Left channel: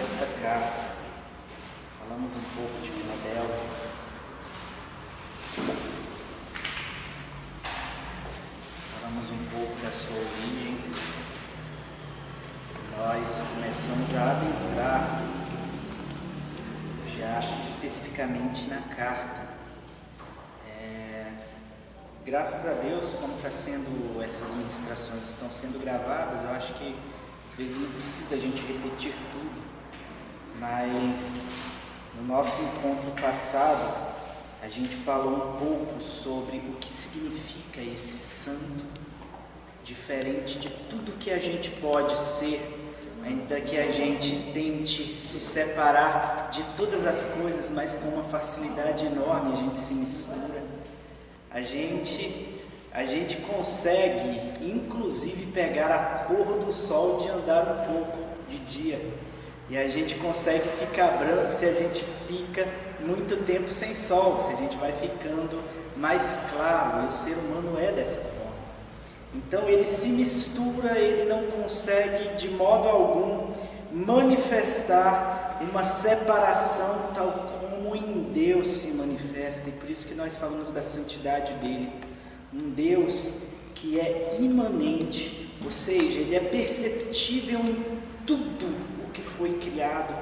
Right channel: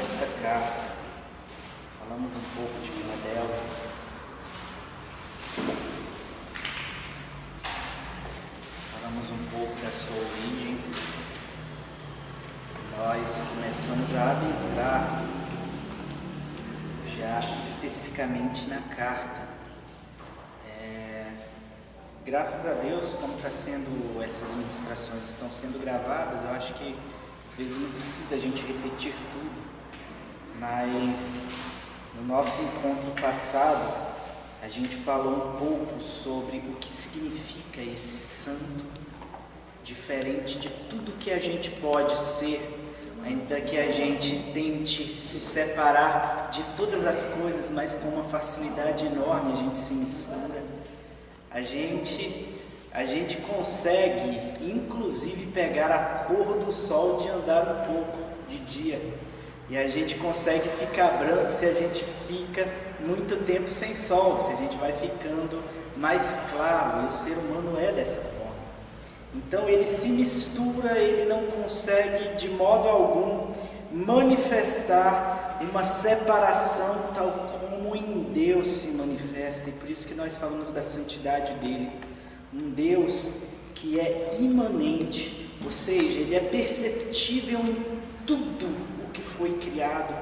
desta carta. Falamos um pouco de Filadélfia. Falamos um pouco da sua origem. Nós começamos a adentrar já especificamente na carta. Graças a Deus, como está sendo, essas ministrações estão sendo gravadas, eu acho que às vezes não precisa a gente repetir tudo, mas no nosso encontro passado a gente falou um pouco sobre o que significa esse santo, diferente de tudo que a gente pode ser, ainda que a gente tente se separar de todas as coisas, mas com uma facilidade enorme a gente se mistura. A gente consegue, inclusive, pegar a cor do sol de andar um pouco de dia. E a gente consegue ficar branco se a gente fica muito tempo sem sol, se a gente vai ficando mais claro. E o ser humano é dessa forma. Então ele se mistura, ele não consegue de modo algum manifestar uma separação tal como em Deus se manifesta. E por isso que nós falamos da santidade dele. Um Deus que é imanente, ou seja, ele é perceptível em tudo o que foi criado.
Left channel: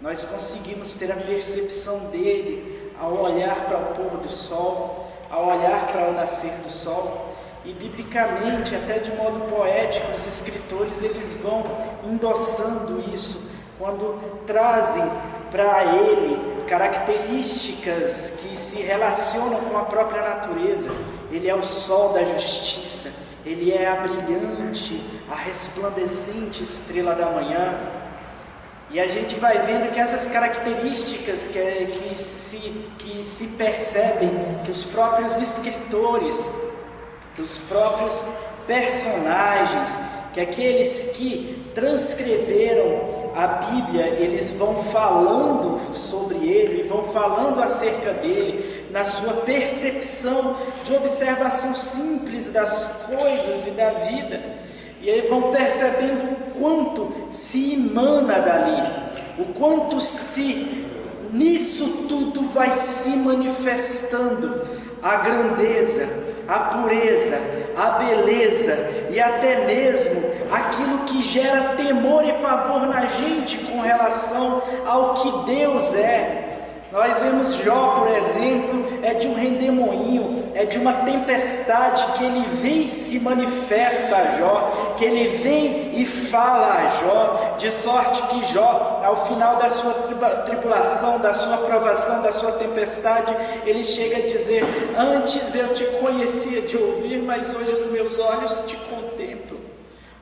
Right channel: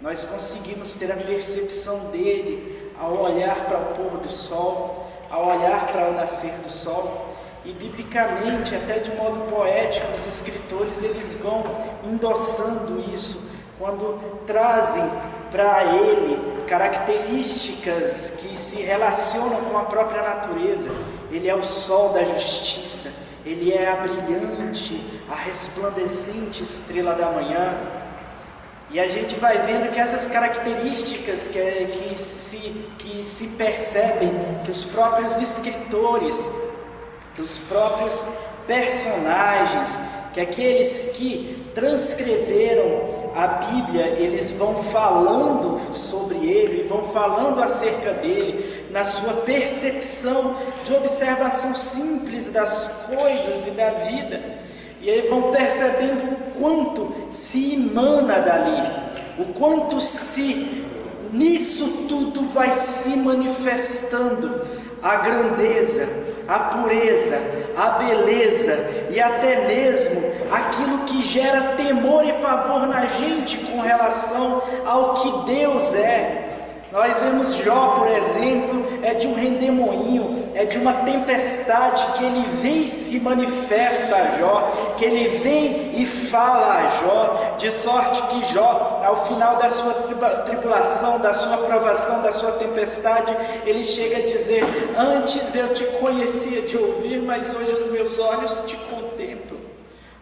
Nós conseguimos ter a percepção dele ao olhar para o pôr do sol, ao olhar para o nascer do sol. E biblicamente, até de modo poético, os escritores eles vão endossando isso quando trazem para ele características que se relacionam com a própria natureza. Ele é o sol da justiça, ele é a brilhante, a resplandecente estrela da manhã. E a gente vai vendo que essas características que se percebem, que os próprios escritores, que os próprios personagens, que aqueles que transcreveram a Bíblia, eles vão falando sobre ele, vão falando acerca dele, na sua percepção de observação simples das coisas e da vida. E aí vão percebendo o quanto se emana dali, o quanto nisso tudo vai se manifestando a grandeza, a pureza, a beleza e até mesmo aquilo que gera temor e pavor na gente com relação ao que Deus é. Nós vemos Jó, por exemplo, é de um redemoinho, é de uma tempestade que ele vem e se manifesta a Jó, que ele vem e fala a Jó, de sorte que Jó, ao final da sua tribulação, da sua provação, da sua tempestade, ele chega a dizer: antes eu te conhecia de ouvir, mas hoje os meus olhos te contemplam.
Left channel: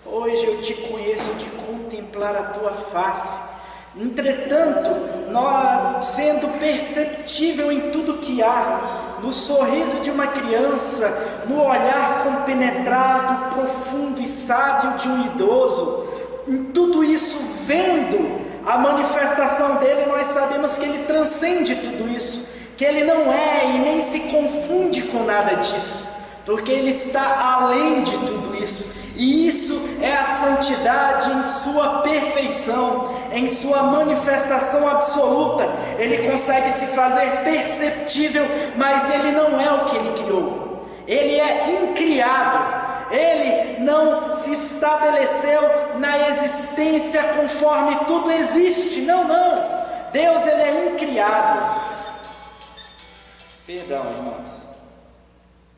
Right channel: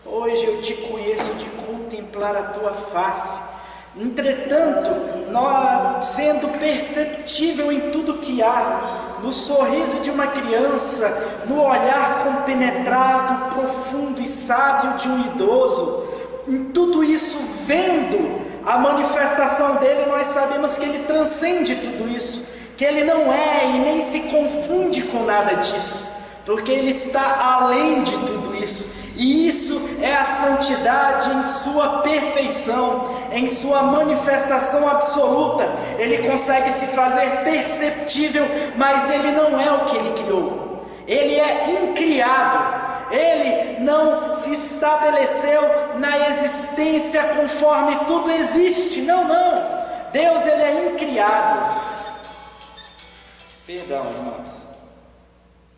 Hoje eu te conheço de contemplar a tua face. Entretanto, nós, sendo perceptível em tudo que há, no sorriso de uma criança, no olhar compenetrado, profundo e sábio de um idoso, em tudo isso, vendo a manifestação dele, nós sabemos que ele transcende tudo isso, que ele não é e nem se confunde com nada disso, porque ele está além de tudo isso. E isso é a santidade em sua perfeição, em sua manifestação absoluta. Ele consegue se fazer perceptível, mas ele não é o que ele criou. Ele é incriado. Ele não se estabeleceu na existência conforme tudo existe. Não. Deus, ele é incriado. Perdão, irmãos.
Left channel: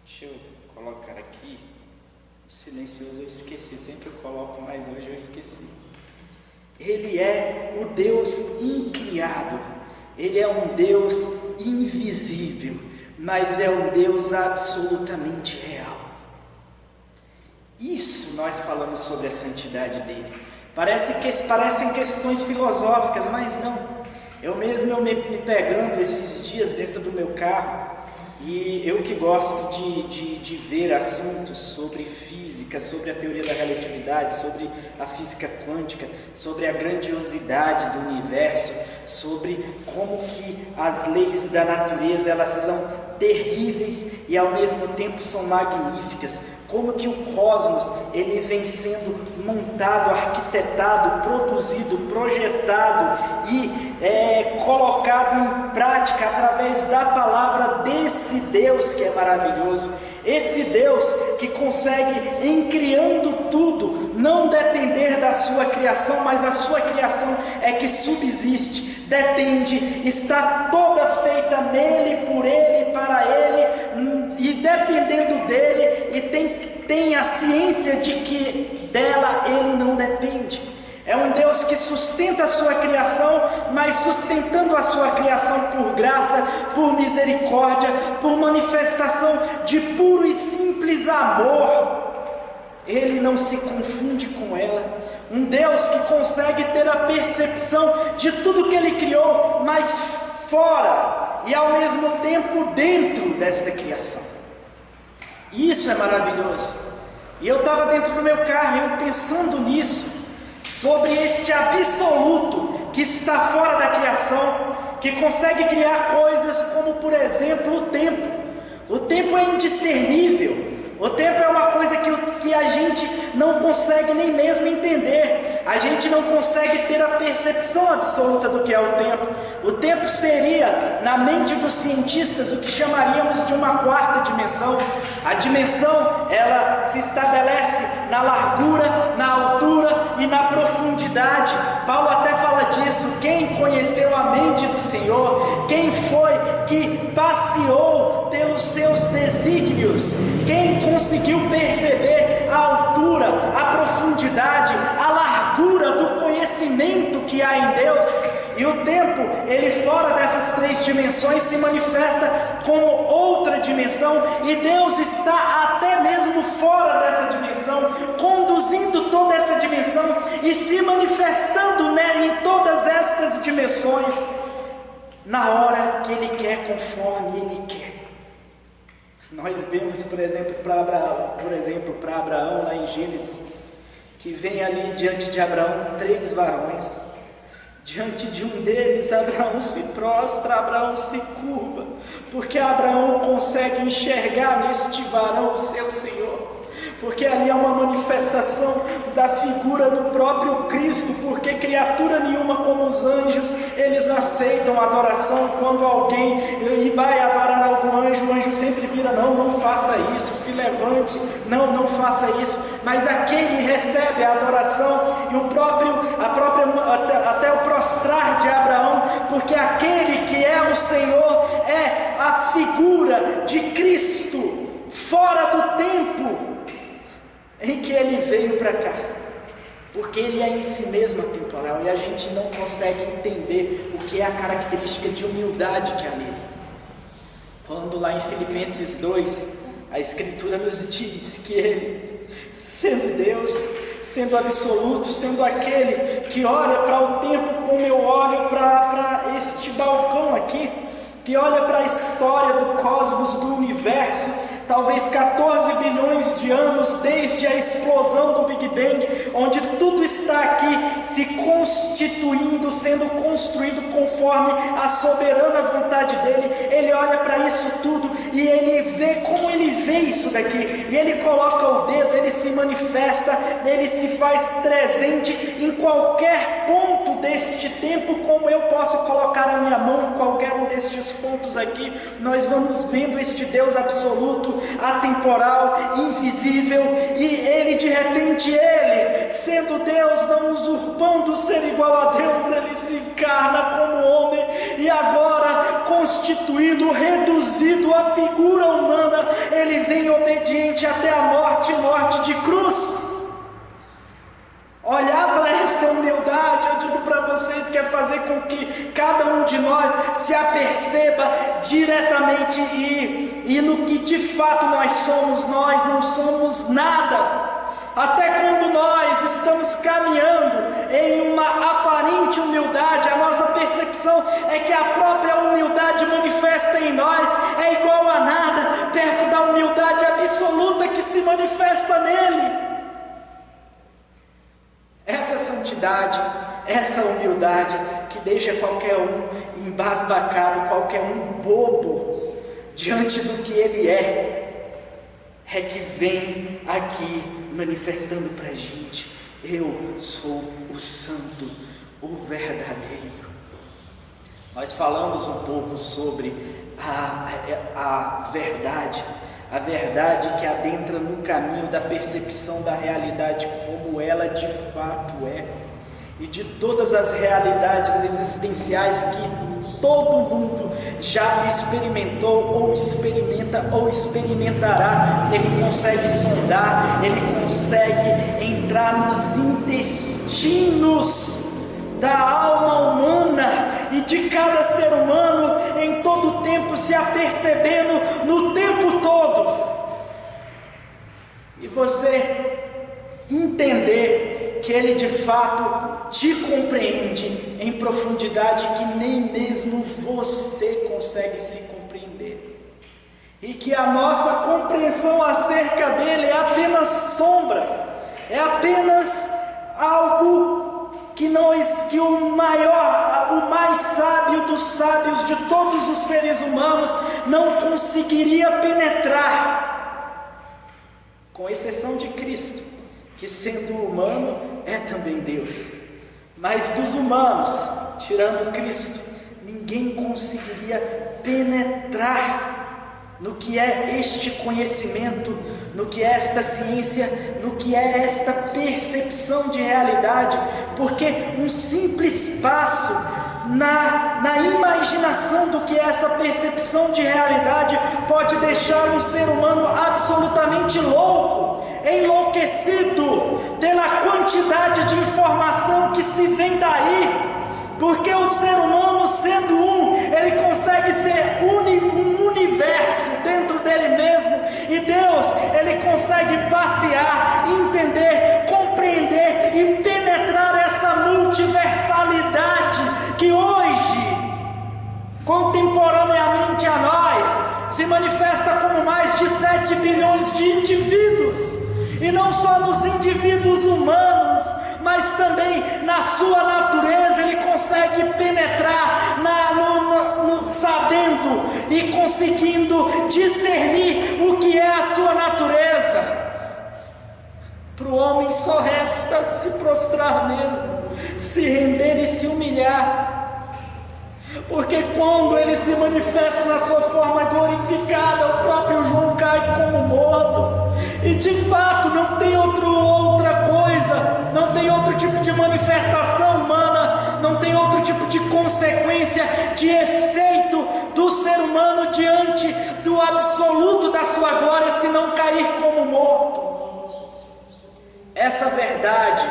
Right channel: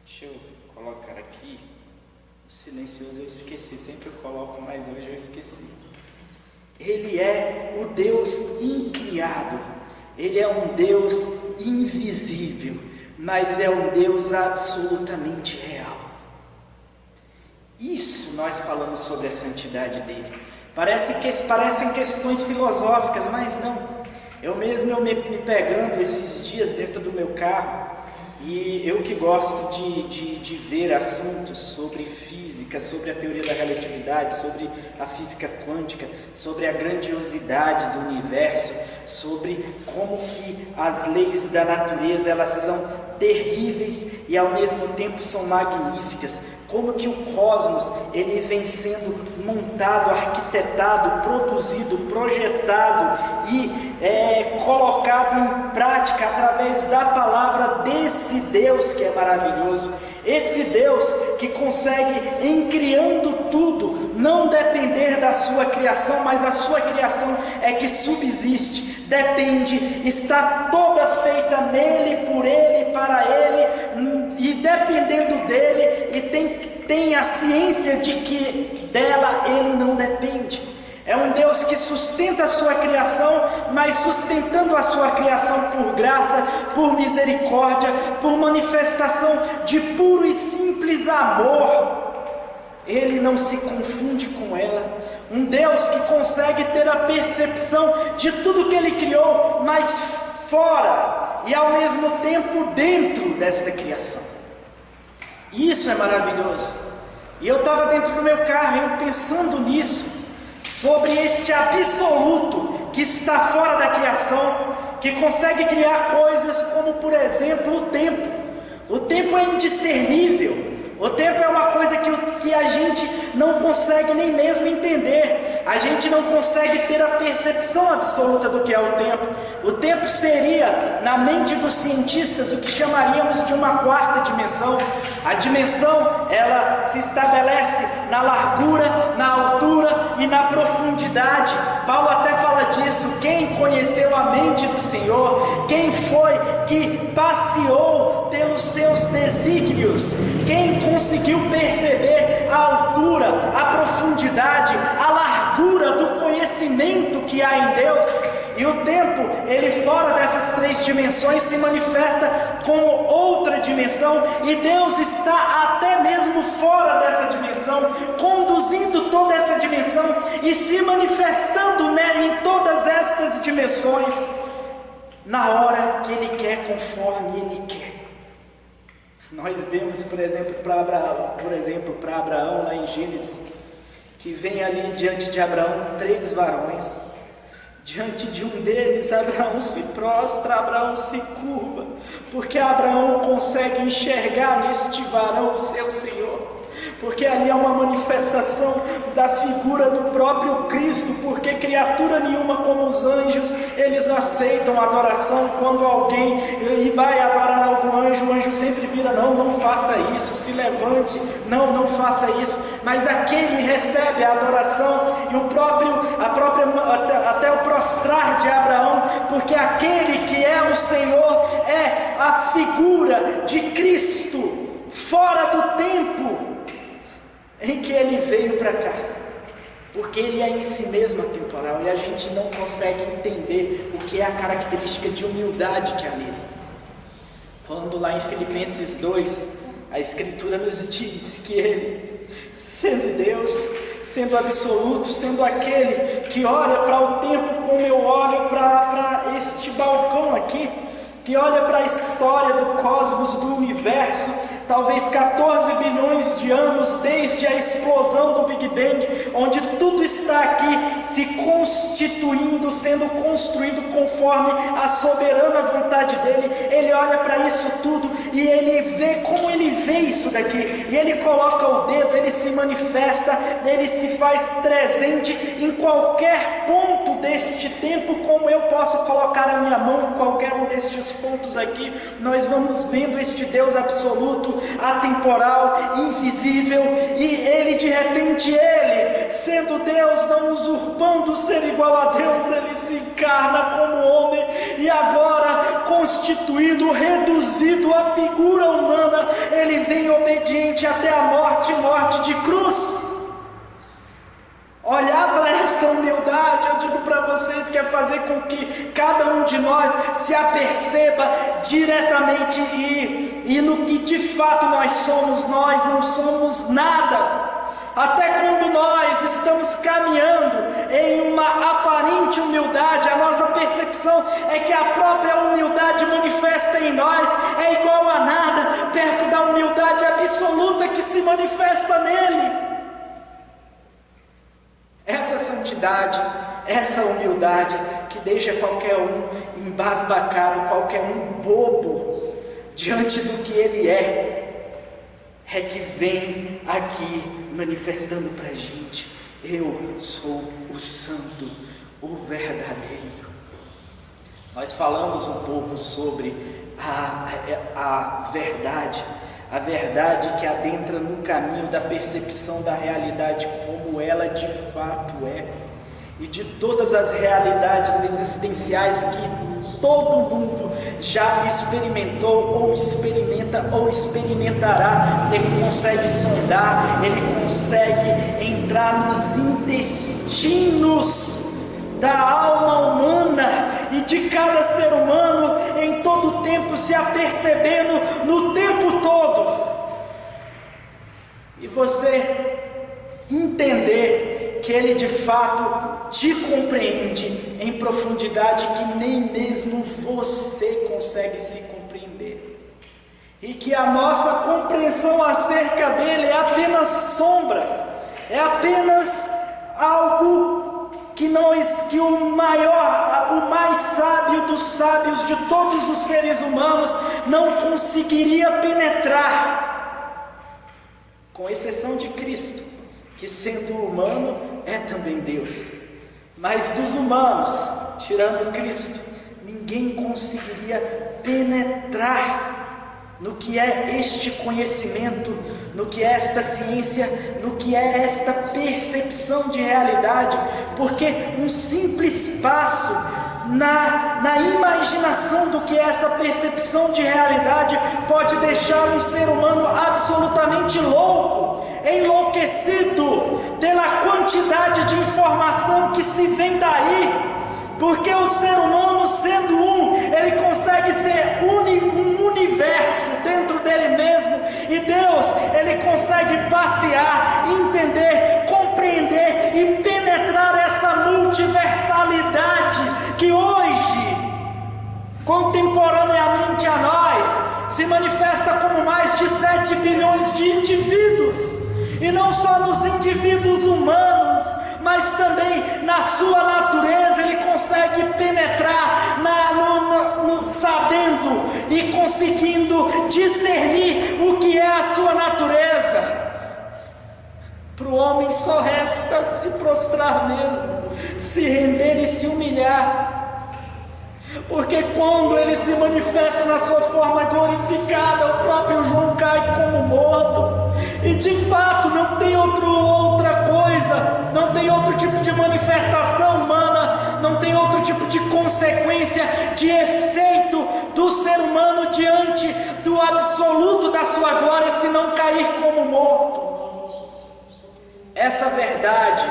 Deixa eu colocar aqui. O silencioso eu esqueci, sempre eu coloco, mas hoje eu esqueci. Ele é o Deus incriado, ele é um Deus invisível, mas é um Deus absolutamente real. Isso nós falamos sobre a santidade dele. Parecem questões filosóficas, mas não. Eu me pegando esses dias dentro do meu carro, e eu que gosto de ver assuntos sobre física, sobre a teoria da relatividade, sobre a física quântica, sobre a grandiosidade do universo, sobre como que as leis da natureza elas são terríveis e ao mesmo tempo são magníficas, como que o cosmos ele vem sendo montado, arquitetado, produzido, projetado e colocado em prática através da palavra desse Deus que é maravilhoso, esse Deus que consegue, em criando tudo, não depender da sua criação, mas a sua criação é que subsiste, depende, está toda feita nele, por ele, para ele, e dependendo dele, e tem a ciência de que dela ele não depende. É um Deus que sustenta a sua criação, mas sustentando a sua criação por graça, por misericórdia, por manifestação de puro e simples amor. Ele não se confunde com ela. Um Deus que consegue ter a percepção de tudo que Ele criou, mas fora e ao mesmo tempo dentro desta criação. Isso é maravilhoso. E eu estava dentro do meu carro, eu pensando nisso, sobre este absoluto que está fora da criação, que consegue criar coisas como, por exemplo, o tempo. O tempo é indiscernível. O tempo é uma coisa que a gente não consegue nem mesmo entender. A gente não consegue ter a percepção absoluta do que é o tempo. O tempo seria, na mente dos cientistas, o que chamaríamos de uma quarta dimensão. A dimensão, ela se estabelece na largura, na altura e na profundidade. Paulo até fala disso. Quem conheceu a mente do Senhor? Quem foi que passeou pelos seus desígnios? Quem conseguiu perceber a altura, a profundidade, a largura do conhecimento que há em Deus? E o tempo, ele fora dessas três dimensões se manifesta como outra dimensão, e Deus está até mesmo fora dessa dimensão, conduzindo toda essa dimensão e se manifestando, né, em todas estas dimensões, na hora que Ele quer, conforme Ele quer. Nós vemos, por exemplo, para Abraão, lá em Gênesis, que vem ali diante de Abraão 3 varões. Diante de um deles, Abraão se prostra, Abraão se curva, porque Abraão consegue enxergar neste varão o seu Senhor, porque ali é uma manifestação da figura do próprio Cristo, porque criatura nenhuma como os anjos, eles aceitam adoração. Quando alguém vai adorar algum anjo, o anjo sempre vira: não faça isso, se levante, não faça isso. Mas aquele recebe a adoração e até o prostrar de Abraão, porque aquele que é o Senhor é a figura de Cristo, fora do tempo em que Ele veio para cá, porque Ele é em si mesmo atemporal, e a gente não consegue entender o que é a característica de humildade que há nele. Quando lá em Filipenses 2, a Escritura nos diz que Ele, sendo Deus, sendo absoluto, sendo aquele que olha para o tempo como eu olho para este balcão aqui, que olha para a história do cosmos, do universo, talvez 14 bilhões de anos desde a explosão do Big Bang, onde tudo está aqui se constituindo, sendo construído conforme a soberana vontade dele. Ele olha para isso tudo e ele vê como ele vê isso daqui, e ele coloca o dedo, ele se manifesta, ele se faz presente em qualquer ponto deste tempo, como eu posso colocar a minha mão em qualquer um destes pontos aqui. Nós vamos vendo este Deus absoluto, atemporal, invisível, e Ele, de repente, Ele, sendo Deus, não usurpando ser igual a Deus, Ele se encarna como homem, e agora, constituído, reduzido à figura humana, Ele vem obediente até a morte de cruz. Olhar para essa humildade, eu digo para vocês, que é fazer com que cada um de nós se aperceba diretamente e no que de fato nós não somos nada. Até quando nós estamos caminhando em uma aparente humildade, a nossa percepção é que a própria humildade manifesta em nós é igual a nada, perto da humildade absoluta que se manifesta nele. Essa santidade, essa humildade que deixa qualquer um embasbacado, qualquer um bobo diante do que ele é. é que vem aqui manifestando para a gente: eu sou o santo, o verdadeiro. Nós falamos um pouco sobre a verdade que adentra no caminho da percepção da realidade como ela de fato é, e de todas as realidades existenciais que todo mundo já experimentou, ou experimenta, ou experimentará. Ele consegue sondar, ele consegue entrar nos intestinos da alma humana e de cada ser humano, em todo o tempo, se apercebendo no tempo todo. E você entender que ele de fato te compreende em profundidade que nem mesmo você consegue se compreender, e que a nossa compreensão acerca dele é apenas sombra, é apenas algo que o mais sábio dos sábios de todos os seres humanos não conseguiria penetrar, com exceção de Cristo, que sendo humano é também Deus. Mas dos humanos, tirando Cristo, ninguém conseguiria penetrar no que é este conhecimento, no que é esta ciência, no que é esta percepção de realidade, porque um simples passo na imaginação do que é essa percepção de realidade pode deixar um ser humano absolutamente louco, enlouquecido pela quantidade de informação que se vem daí. Porque o ser humano, sendo ele consegue ser um universo dentro dele mesmo, e Deus, ele consegue passear, entender, compreender e penetrar essa multiversalidade que hoje, contemporaneamente a nós, se manifesta como mais de 7 bilhões de indivíduos, e não só nos indivíduos humanos, mas também na sua natureza. Ele consegue penetrar sabendo e conseguindo discernir o que é a sua natureza. Para o homem só resta se prostrar mesmo, se render e se humilhar, porque quando ele se manifesta na sua forma glorificada, o próprio João cai como morto. E de fato não tem outra coisa, não tem outro tipo de manifestação humana, não tem outro tipo de consequência, de efeito do ser humano diante do absoluto da sua glória, se não cair como morto. Essa verdade,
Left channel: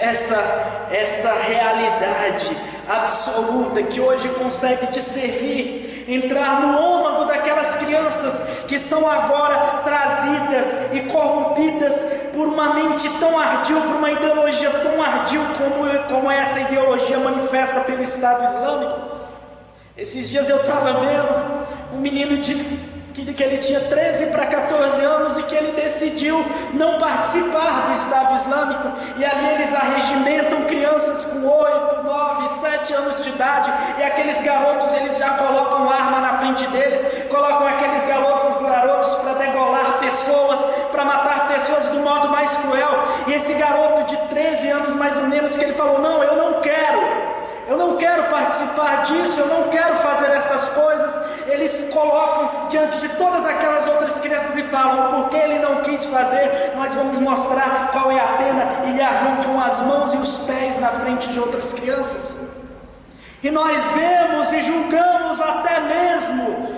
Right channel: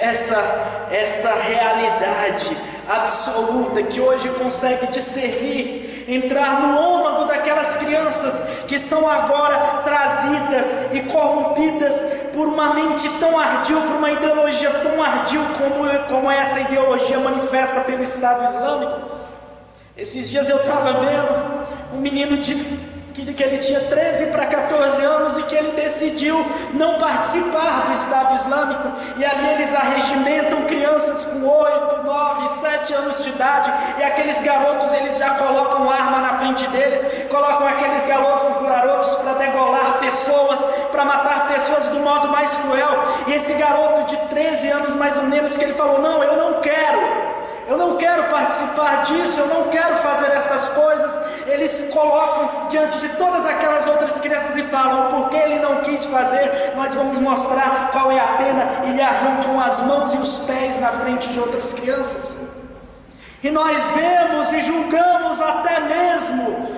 essa realidade absoluta que hoje consegue discernir, entrar no âmago daquelas crianças que são agora trazidas e corrompidas por uma mente tão ardil, por uma ideologia tão ardil como essa ideologia manifesta pelo Estado Islâmico. Esses dias eu estava vendo um menino que ele tinha 13 para 14 anos e que ele decidiu não participar do Estado Islâmico, e ali eles arregimentam crianças com 8, 9, 7 anos de idade, e aqueles garotos, eles já colocam arma na frente deles, colocam aqueles garotos para degolar pessoas, para matar pessoas do modo mais cruel. E esse garoto de 13 anos mais ou menos, que ele falou: não, eu não quero participar disso, eu não quero fazer essas coisas. Eles colocam diante de todas aquelas outras crianças e falam: porque ele não quis fazer, nós vamos mostrar qual é a pena, e lhe arrancam as mãos e os pés na frente de outras crianças. E nós vemos e julgamos até mesmo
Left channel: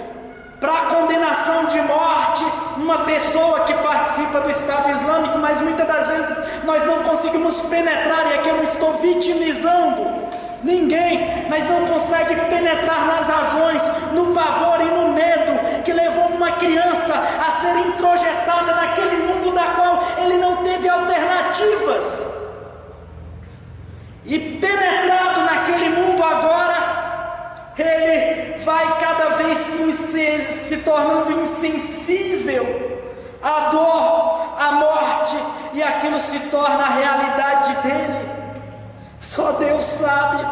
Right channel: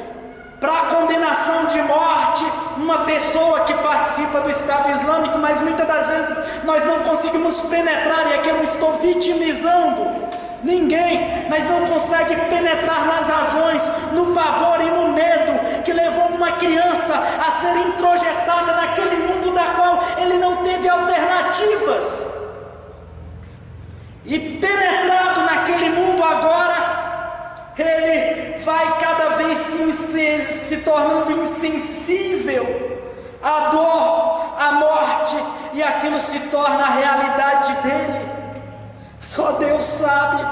para a condenação de morte uma pessoa que participa do Estado Islâmico, mas muitas das vezes nós não conseguimos penetrar, e aqui eu não estou vitimizando ninguém, mas não consegue penetrar nas razões, no pavor e no medo que levou uma criança a ser introjetada naquele mundo da qual ele não teve alternativas, e penetrado naquele mundo agora, ele vai cada vez se tornando insensível à dor, à morte, e aquilo se torna a realidade dele. Só Deus sabe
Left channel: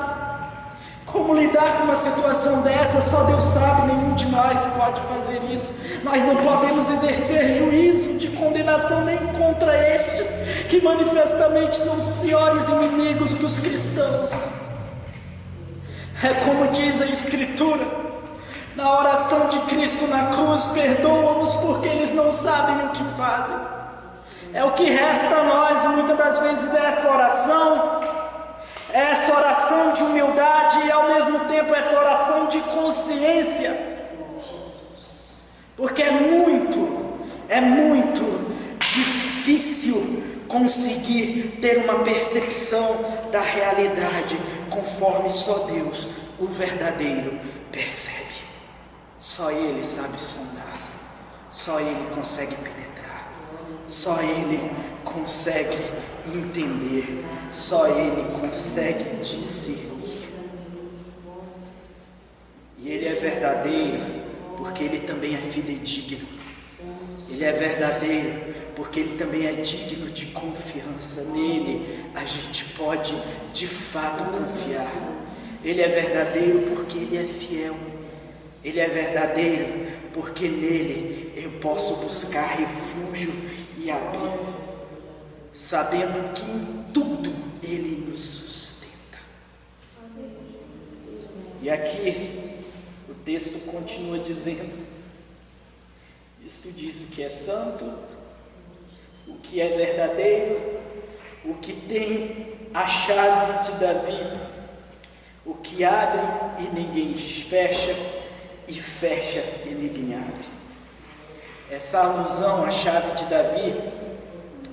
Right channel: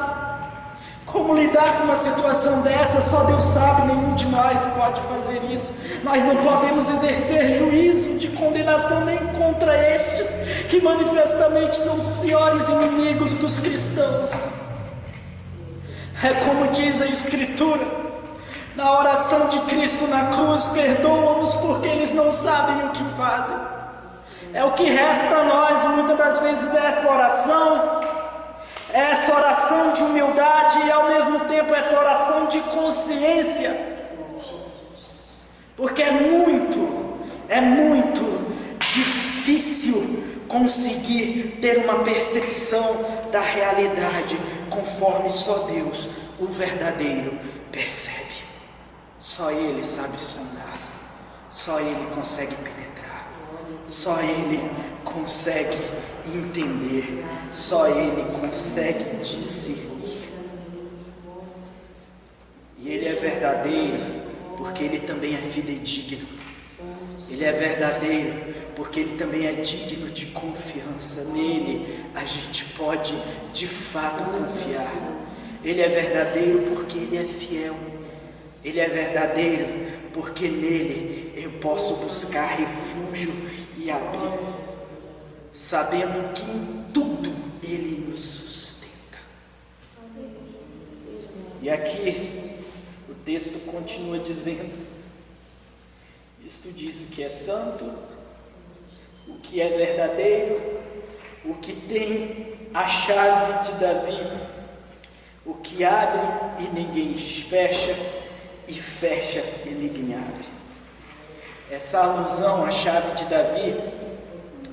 Como lidar com uma situação dessa? Só Deus sabe, nenhum de nós pode fazer isso. Nós não podemos exercer juízo de condenação nem contra estes, que manifestamente são os piores inimigos dos cristãos. É como diz a Escritura, na oração de Cristo na cruz: perdoa-os porque eles não sabem o que fazem. É o que resta a nós, muitas das vezes, essa oração de humildade e ao mesmo tempo essa oração de consciência, porque é muito difícil conseguir ter uma percepção da realidade conforme só Deus, o verdadeiro, percebe. Só Ele sabe sondar, só Ele consegue penetrar, só Ele consegue entender, só Ele consegue discernir. E Ele é verdadeiro porque Ele também é fidedigno. Ele é verdadeiro porque Ele também é digno de confiança. Nele a gente pode de fato confiar. Ele é verdadeiro porque Ele é fiel. Ele é verdadeiro porque nele eu posso buscar refúgio e abrigo, sabendo que em tudo Ele nos sustenta. E aqui o texto continua dizendo: isto diz o que é santo, o que é verdadeiro, o que tem a chave de Davi, o que abre e ninguém fecha, e fecha e ninguém abre. Essa alusão à chave de Davi,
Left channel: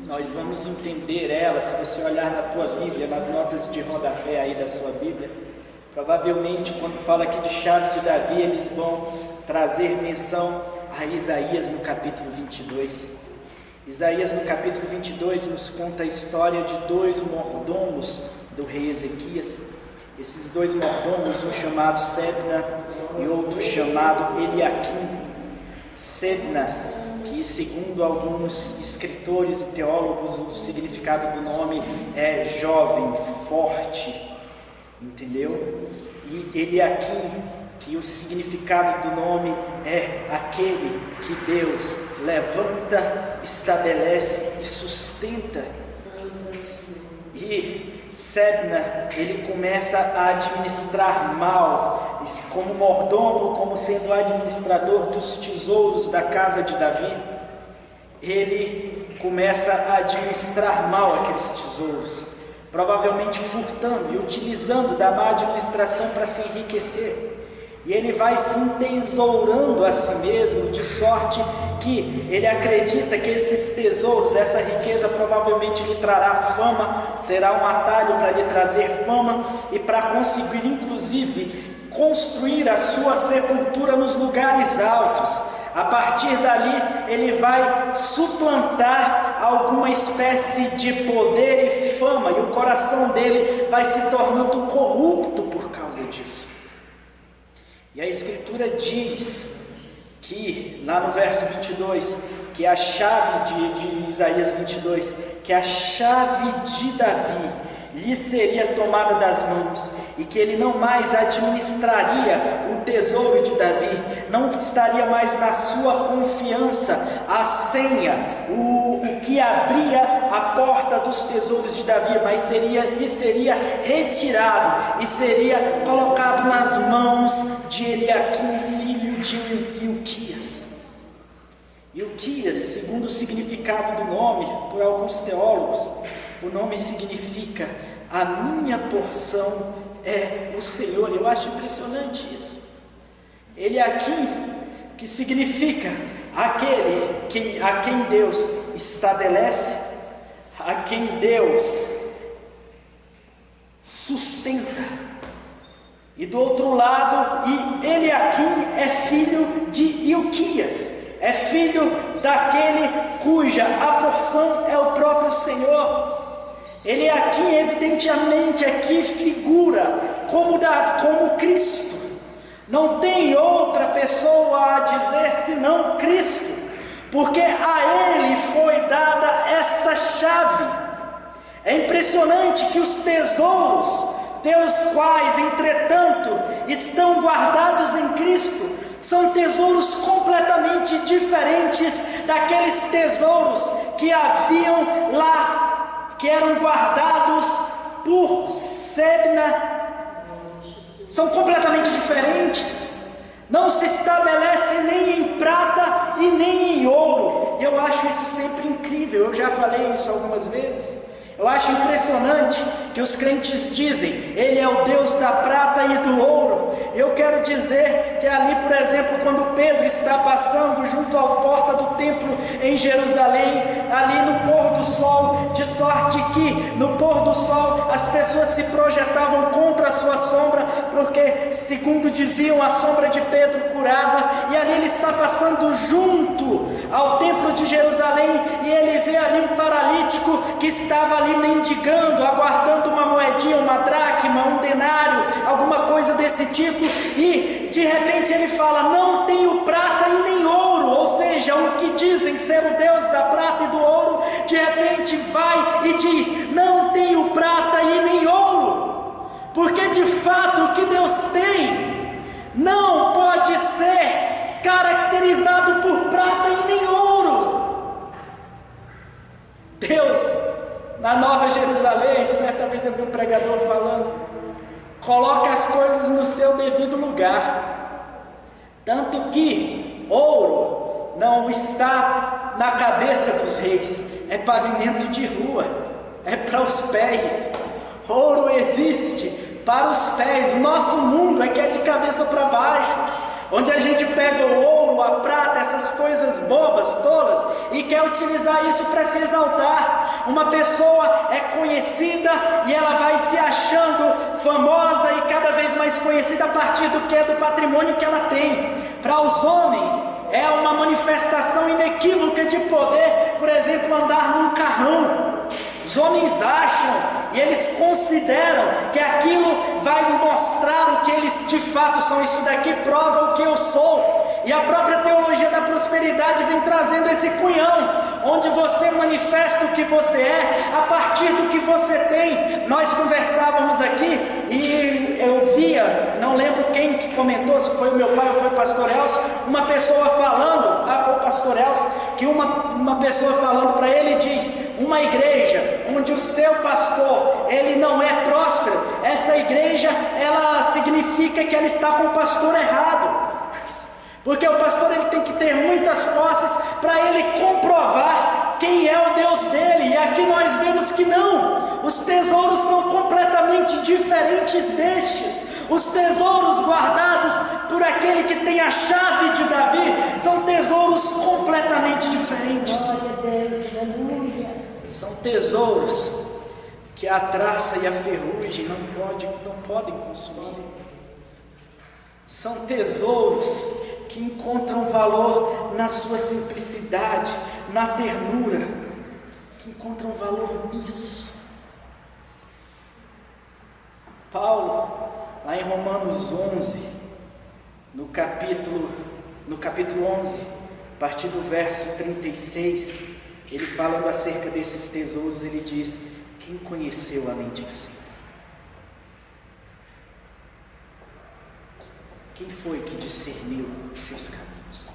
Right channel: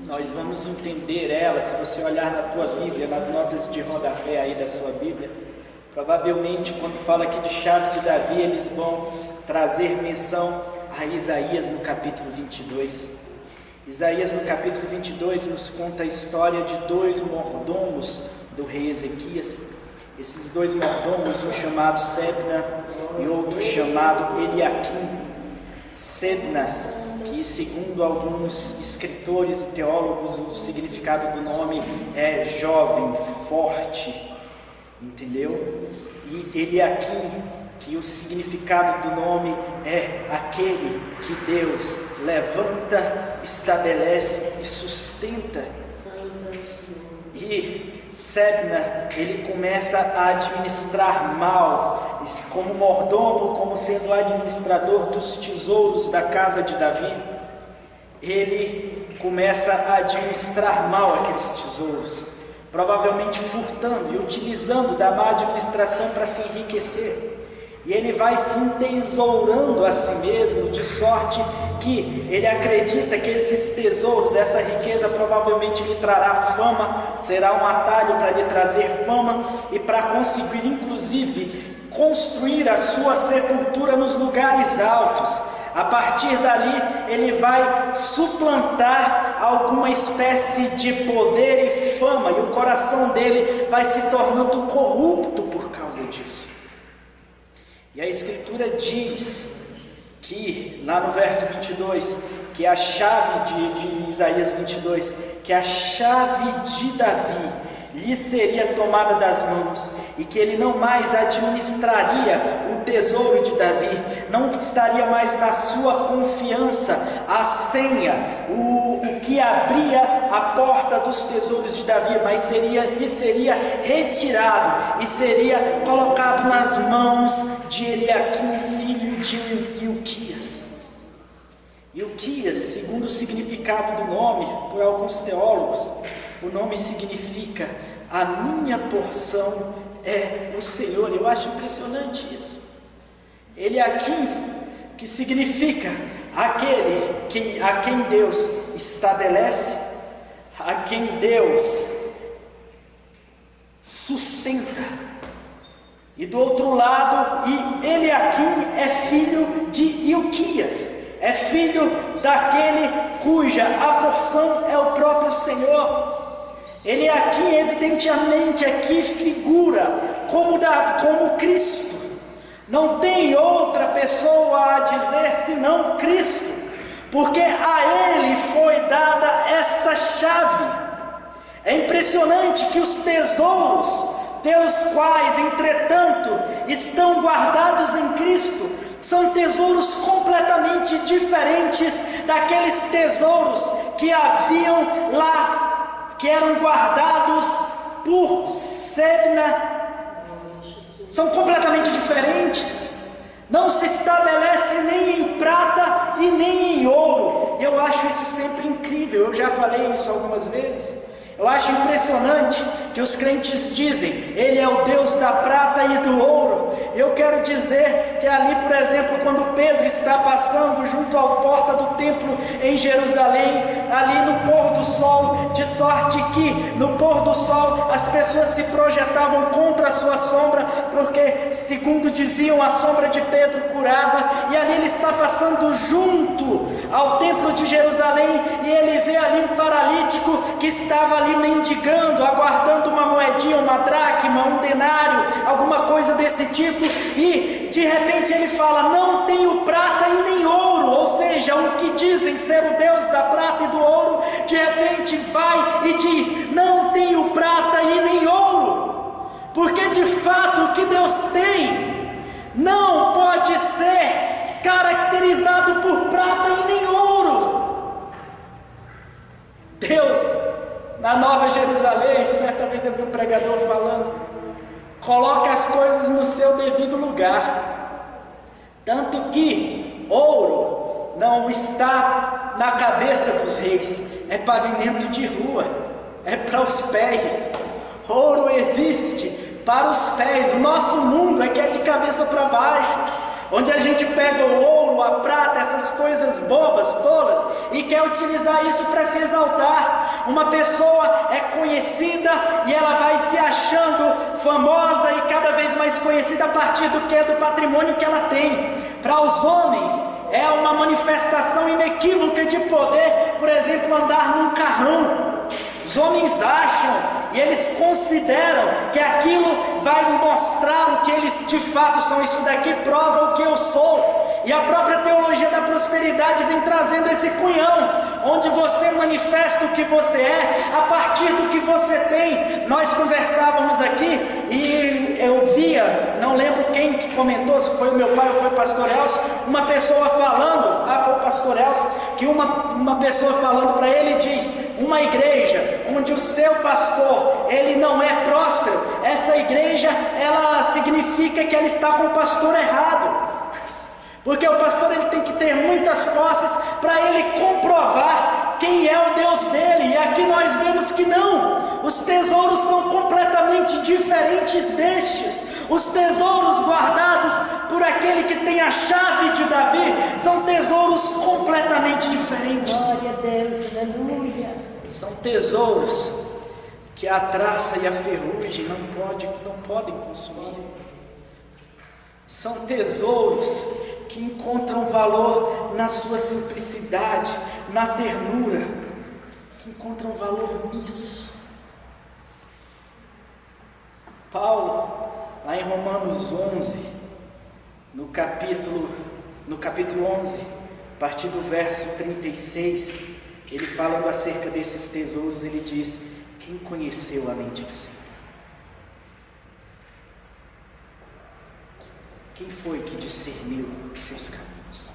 nós vamos entender ela, se você olhar na tua Bíblia, nas notas de rodapé aí da sua Bíblia, provavelmente quando fala aqui de chave de Davi, eles vão trazer menção a Isaías no capítulo 22. Isaías no capítulo 22 nos conta a história de dois mordomos do rei Ezequias. Esses dois mordomos, um chamado Sebna e outro chamado Eliaquim. Sebna, que segundo alguns escritores e teólogos o significado do nome é jovem, forte, entendeu? E Eliaquim, que o significado do nome é aquele que Deus levanta, estabelece e sustenta. E Sebna, ele começa a administrar mal, como mordomo, como sendo o administrador dos tesouros da casa de Davi. Ele começa a administrar mal aqueles tesouros, provavelmente furtando e utilizando da má administração para se enriquecer. E ele vai se entesourando a si mesmo, de sorte que ele acredita que esses tesouros, essa riqueza provavelmente lhe trará fama, será um atalho para lhe trazer fama e para conseguir inclusive construir a sua sepultura nos lugares altos. A partir dali ele vai suplantar alguma espécie de poder e fama, e o coração dele vai se tornando corrupto por causa disso. E a Escritura diz que, lá no verso 22, que a chave de Isaías 22, que a chave de Davi lhe seria tomada das mãos, e que ele não mais administraria o tesouro de Davi, não estaria mais na sua confiança a senha, o que abria a porta dos tesouros de Davi, mas lhe seria retirado e seria colocado nas mãos de Eliaquim, filho de Ilquias. Ilquias, segundo o significado do nome, por alguns teólogos, o nome significa: a minha porção é o Senhor. Eu acho impressionante isso. Eliaquim, que significa aquele a quem Deus estabelece, a quem Deus sustenta. E do outro lado, Eliaquim é filho de Ilquias, é filho daquele cuja a porção é o próprio Senhor. Eliaquim, evidentemente, aqui figura como Cristo. Não tem outra pessoa a dizer senão Cristo, porque a Ele foi dada esta chave. É impressionante que os tesouros pelos quais, entretanto, estão guardados em Cristo, são tesouros completamente diferentes daqueles tesouros que haviam lá, que eram guardados por Sebna. São completamente diferentes. Não se estabelece nem em prata e nem em ouro. Eu acho isso sempre incrível. Eu já falei isso algumas vezes. Eu acho impressionante que os crentes dizem: Ele é o Deus da prata e do ouro. Eu quero dizer que ali, por exemplo, quando Pedro está passando junto à porta do templo em Jerusalém, ali no pôr do sol, de sorte que no pôr do sol as pessoas se projetavam contra a sua sombra, porque, segundo diziam, a sombra de Pedro curava, e ali ele está passando junto ao templo de Jerusalém, e ele vê ali um paralítico que estava ali mendigando, aguardando uma moedinha, uma dracma, um denário, alguma coisa desse tipo, e de repente ele fala: não tenho prata e nem ouro. Ou seja, o que dizem ser o Deus da prata e do ouro, de repente vai e diz: não tenho prata e nem ouro, porque de fato o que Deus tem não pode ser caracterizado por prata e nem ouro. Deus, na Nova Jerusalém, certa vez eu vi um pregador falando, coloca as coisas no seu devido lugar, tanto que ouro não está na cabeça dos reis, é pavimento de rua, é para os pés. Ouro existe para os pés. O nosso mundo é que é de cabeça para baixo, onde a gente pega o ouro, a prata, essas coisas bobas, tolas, e quer utilizar isso para se exaltar. Uma pessoa é conhecida e ela vai se achando famosa e cada vez mais conhecida a partir do que? Do patrimônio que ela tem. Para os homens é uma manifestação inequívoca de poder, por exemplo, andar num carrão. Os homens acham e eles consideram que aquilo vai mostrar o que eles de fato são. Isso daqui prova o que eu sou. E a própria teologia da prosperidade vem trazendo esse cunhão, onde você manifesta o que você é a partir do que você tem. Nós conversávamos aqui e eu via, não lembro quem que comentou, se foi o meu pai ou foi o pastor Elcio, uma pessoa falando, foi o pastor Elcio, que uma pessoa falando para ele diz: uma igreja onde o seu pastor, ele não é próspero, essa igreja, ela significa que ela está com o pastor errado. Porque o pastor, ele tem que ter muitas posses para ele comprovar quem é o Deus dele. E aqui nós vemos que não. Os tesouros são completamente diferentes destes. Os tesouros guardados por aquele que tem a chave de Davi são tesouros completamente diferentes. Glória a Deus, aleluia. São tesouros que a traça e a ferrugem não podem consumir. São tesouros que encontram valor na sua simplicidade, na ternura, que encontram valor nisso. Paulo, lá em Romanos 11, no capítulo 11, a partir do verso 36, ele falando acerca desses tesouros, ele diz: quem conheceu a mente do Senhor? Quem foi que discerniu os seus caminhos?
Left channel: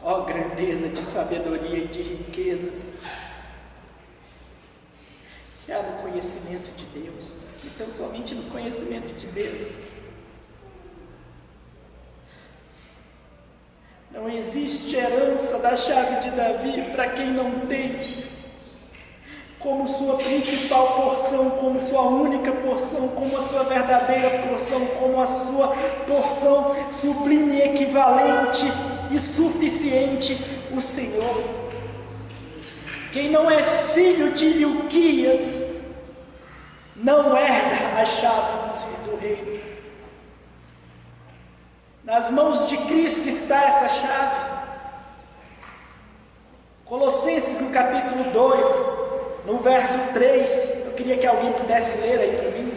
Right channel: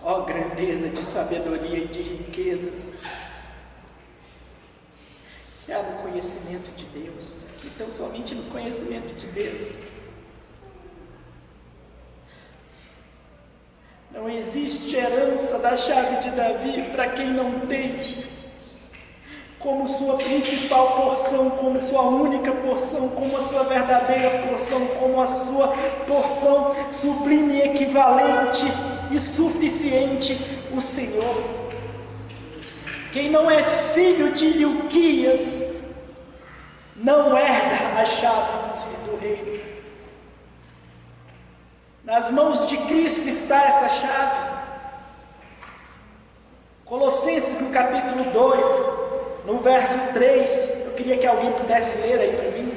Ó grandeza de sabedoria e de riquezas que há no conhecimento de Deus, e tão somente no conhecimento de Deus. Não existe herança da chave de Davi para quem não tem como sua principal porção, como sua única porção, como a sua verdadeira porção, como a sua porção sublime, equivalente e suficiente, o Senhor. Quem não é filho de Ilquias não herda a chave do reino. Nas mãos de Cristo está essa chave. Colossenses, no capítulo 2, no verso 3, eu queria que alguém pudesse ler aí para mim.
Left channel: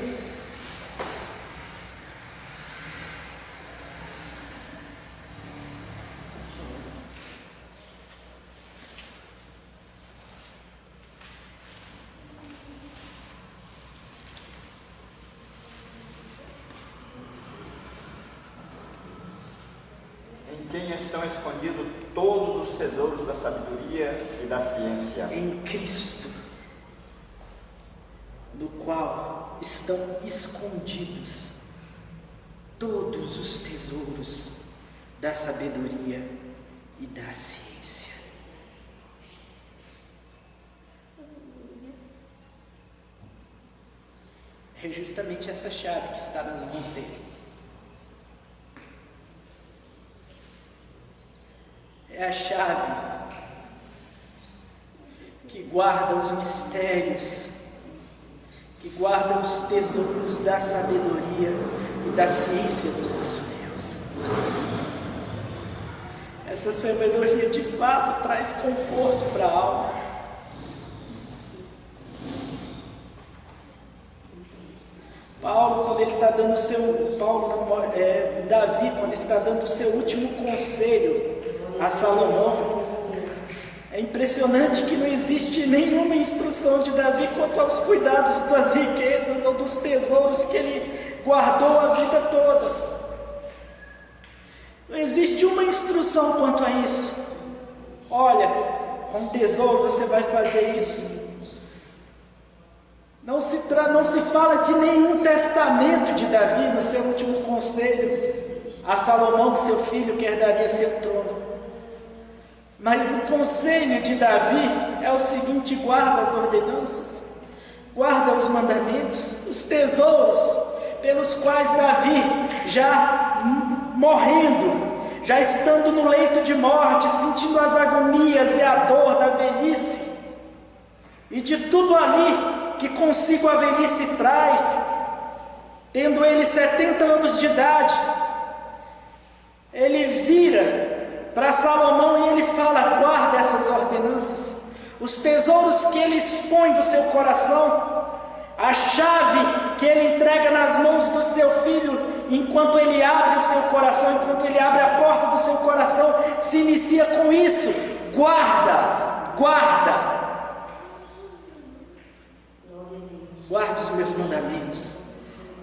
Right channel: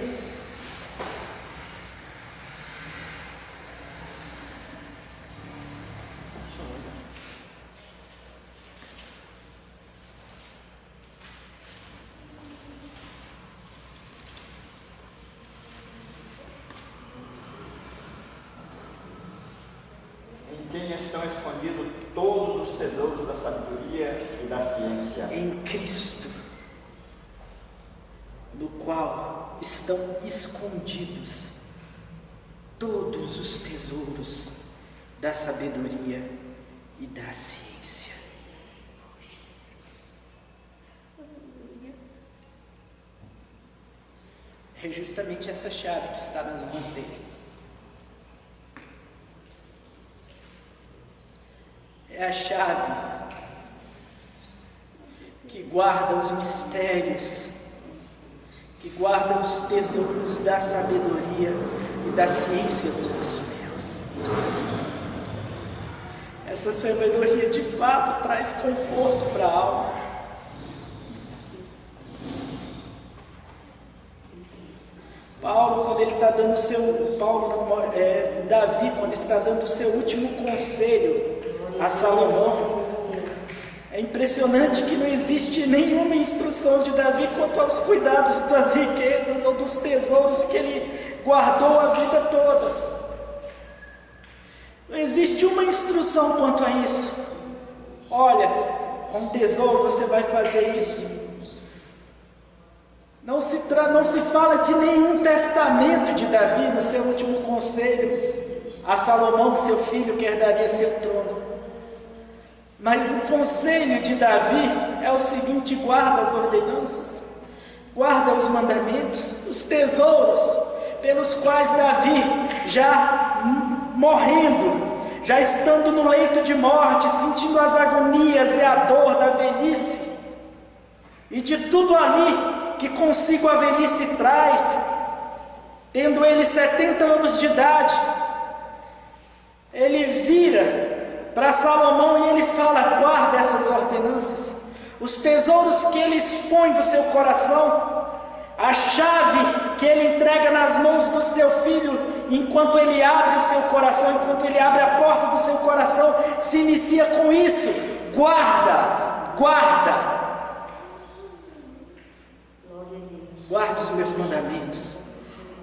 quem estão escondidos todos os tesouros da sabedoria e da ciência. Em Cristo, no qual estão escondidos todos os tesouros da sabedoria e da ciência. É justamente essa chave que está nas mãos dele. É a chave que guarda os mistérios, que guarda os tesouros da sabedoria e da ciência do nosso Deus. Essa sabedoria de fato traz conforto para a alma. Davi, quando está dando o seu último conselho a Salomão, é impressionante que não existe nenhuma instrução de Davi quanto aos cuidados das riquezas ou dos tesouros que ele guardou a vida toda. Não existe uma instrução quanto a isso. Olha, com tesouro você vai fazer isso. Não se fala de nenhum testamento de Davi no seu último conselho a Salomão, que seu filho que herdaria seu trono. Mas o conselho de Davi é o seguinte: guarda as ordenanças, guarda os mandamentos, os tesouros pelos quais Davi, já morrendo, já estando no leito de morte, sentindo as agonias e a dor da velhice, e de tudo ali que consigo a velhice traz, tendo ele 70 anos de idade, ele vira para Salomão e ele fala: guarda essas ordenanças, os tesouros que ele expõe do seu coração, a chave que ele entrega nas mãos do seu filho, enquanto ele abre o seu coração, enquanto ele abre a porta do seu coração, se inicia com isso: guarda, guarda. Guarda os meus mandamentos,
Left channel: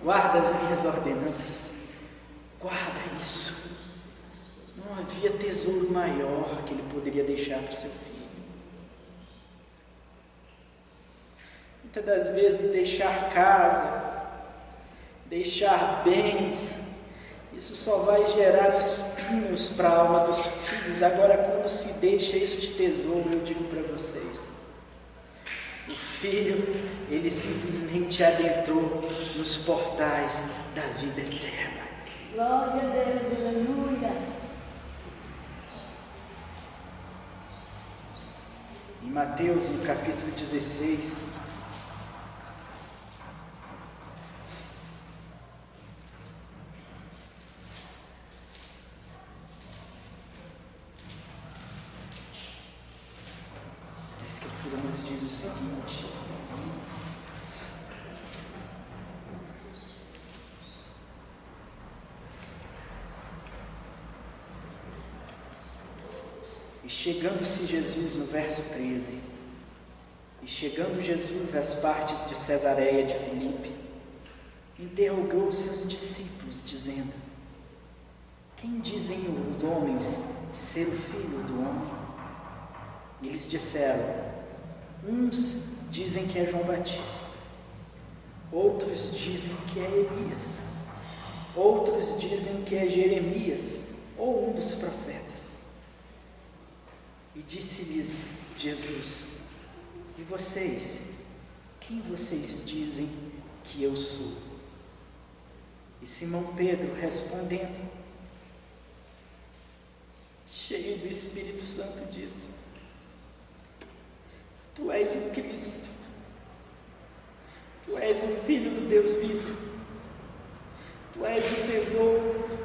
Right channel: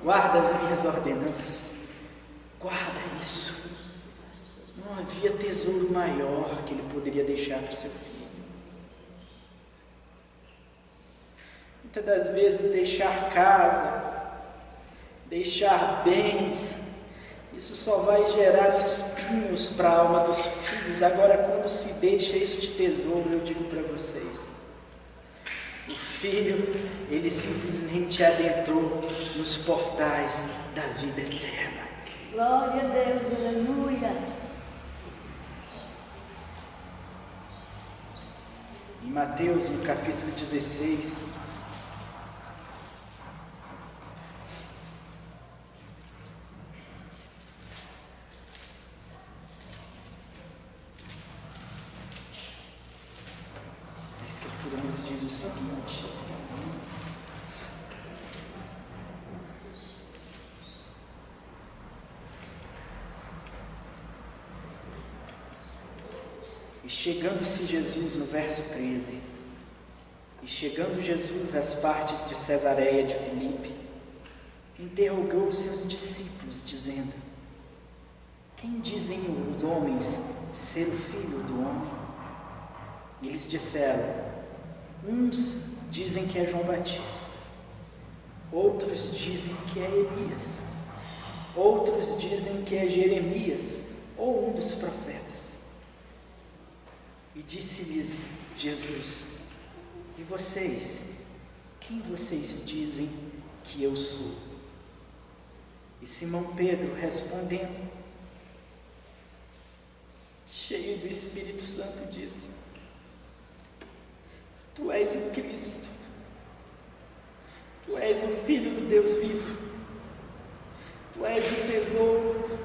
guarda as minhas ordenanças, guarda isso. Não havia tesouro maior que ele poderia deixar para o seu filho. Muitas das vezes deixar casa, deixar bens, isso só vai gerar espinhos para a alma dos filhos. Agora, quando se deixa este tesouro, eu digo para vocês, o filho, ele simplesmente adentrou nos portais da vida eterna. Glória a Deus, aleluia. Em Mateus, no capítulo 16, a Escritura nos diz o seguinte: e chegando-se Jesus, no verso 13, e chegando Jesus às partes de Cesareia de Filipe, interrogou os seus discípulos, dizendo: quem dizem os homens ser o Filho do Homem? E eles disseram: uns dizem que é João Batista, outros dizem que é Elias, outros dizem que é Jeremias ou um dos profetas. E disse-lhes Jesus: e vocês, quem vocês dizem que eu sou? E Simão Pedro, respondendo, cheio do Espírito Santo, disse: tu és o Cristo, tu és o Filho do Deus vivo, tu és o tesouro,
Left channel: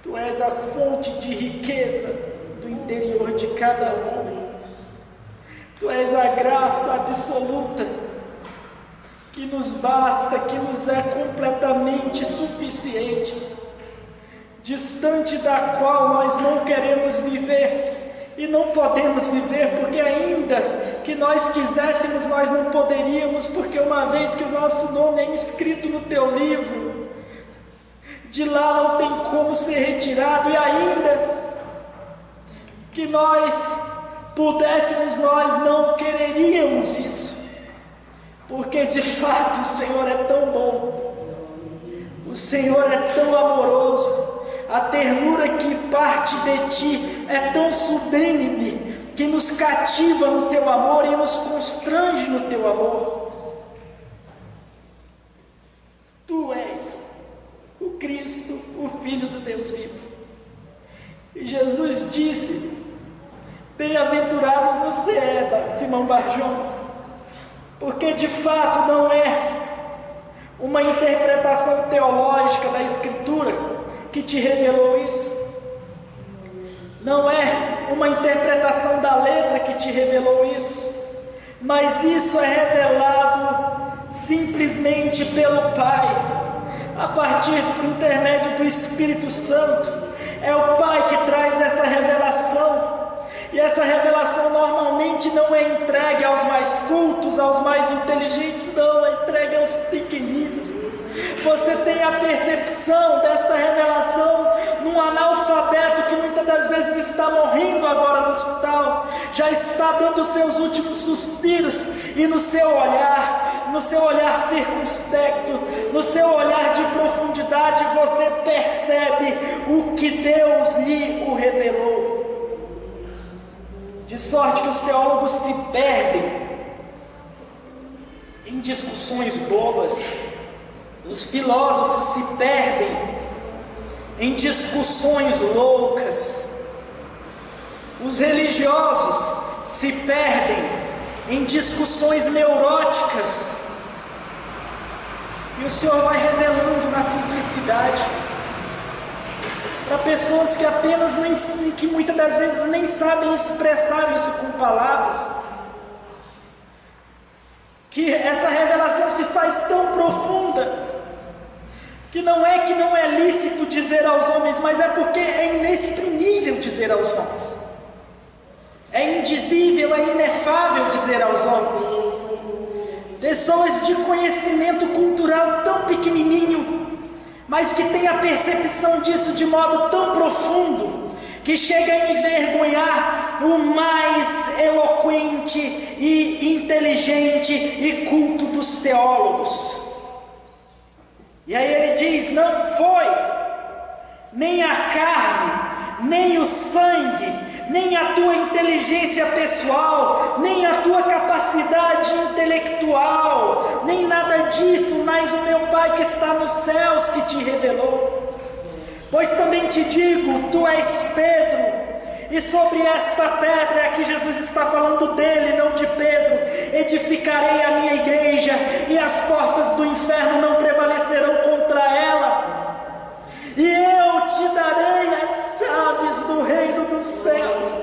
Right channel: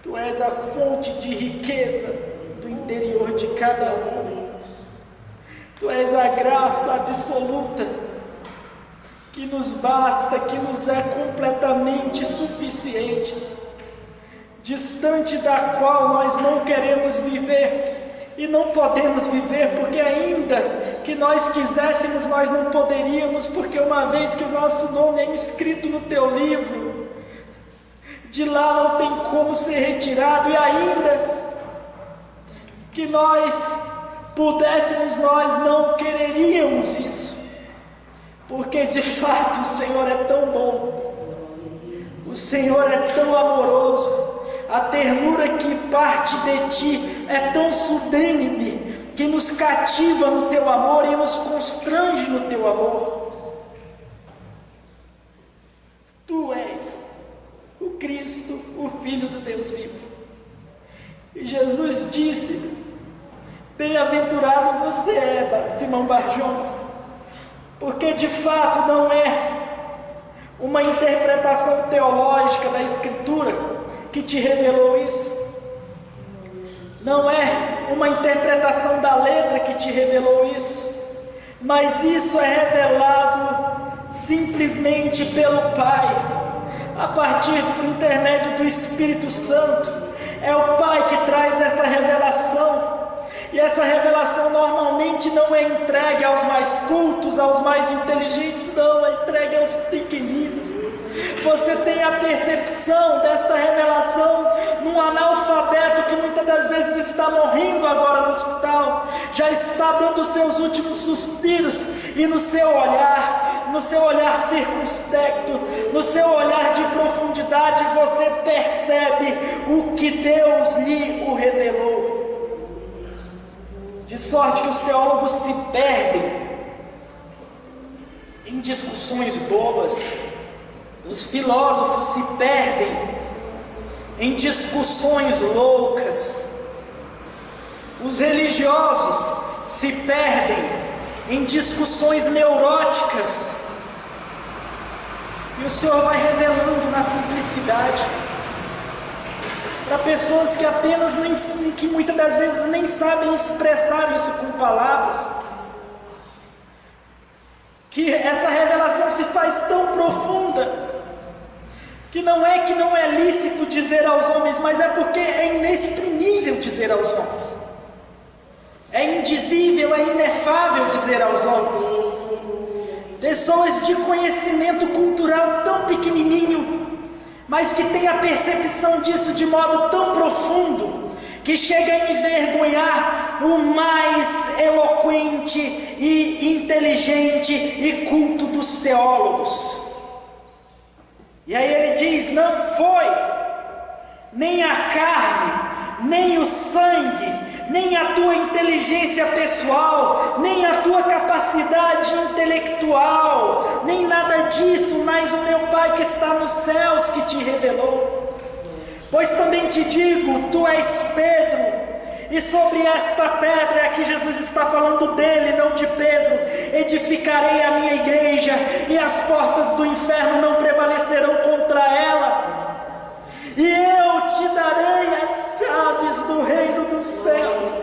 tu és a fonte de riqueza do interior de cada homem, tu és a graça absoluta que nos basta, que nos é completamente suficiente, distante da qual nós não queremos viver e não podemos viver, porque ainda que nós quiséssemos, nós não poderíamos, porque uma vez que o nosso nome é inscrito no teu livro, de lá não tem como ser retirado, e ainda que nós pudéssemos, nós não quereríamos isso, porque de fato o Senhor é tão bom, o Senhor é tão amoroso, a ternura que parte de Ti é tão sublime, que nos cativa no Teu amor e nos constrange no Teu amor. Tu és o Cristo, o Filho do Deus vivo. E Jesus disse: bem-aventurado você é, Simão Bar-Jonas, porque de fato não é uma interpretação teológica da Escritura que te revelou isso, não é uma interpretação da letra que te revelou isso, mas isso é revelado simplesmente pelo Pai, a partir por intermédio do Espírito Santo. É o Pai que traz essa revelação, e essa revelação normalmente não é entregue aos mais cultos, aos mais inteligentes, não, é entregue aos pequeninos. Você tem a percepção desta revelação num analfabeto que muitas das vezes está morrendo agora no hospital, já está dando os seus últimos suspiros, e no seu olhar circunspecto, no seu olhar de profundidade, você percebe o que Deus lhe o revelou. De sorte que os teólogos se perdem em discussões bobas, os filósofos se perdem em discussões loucas, os religiosos se perdem em discussões neuróticas, e o Senhor vai revelando na simplicidade, para pessoas que apenas que muitas das vezes nem sabem expressar isso com palavras, que essa revelação se faz tão profunda, que não é lícito dizer aos homens, mas é porque é inexprimível dizer aos homens, é indizível, é inefável dizer aos homens. Pessoas de conhecimento cultural tão pequenininho, mas que tem a percepção disso de modo tão profundo, que chega a envergonhar o mais eloquente e inteligente e culto dos teólogos. E aí ele diz: não foi nem a carne, nem o sangue, nem a tua inteligência pessoal, nem a tua capacidade intelectual, nem nada disso, mas o meu Pai que está nos céus que te revelou. Pois também te digo, tu és Pedro, e sobre esta pedra, aqui Jesus está falando dele, não de Pedro, edificarei a minha igreja, e as portas do inferno não prevalecerão contra ela, e eu te darei as chaves do reino dos céus,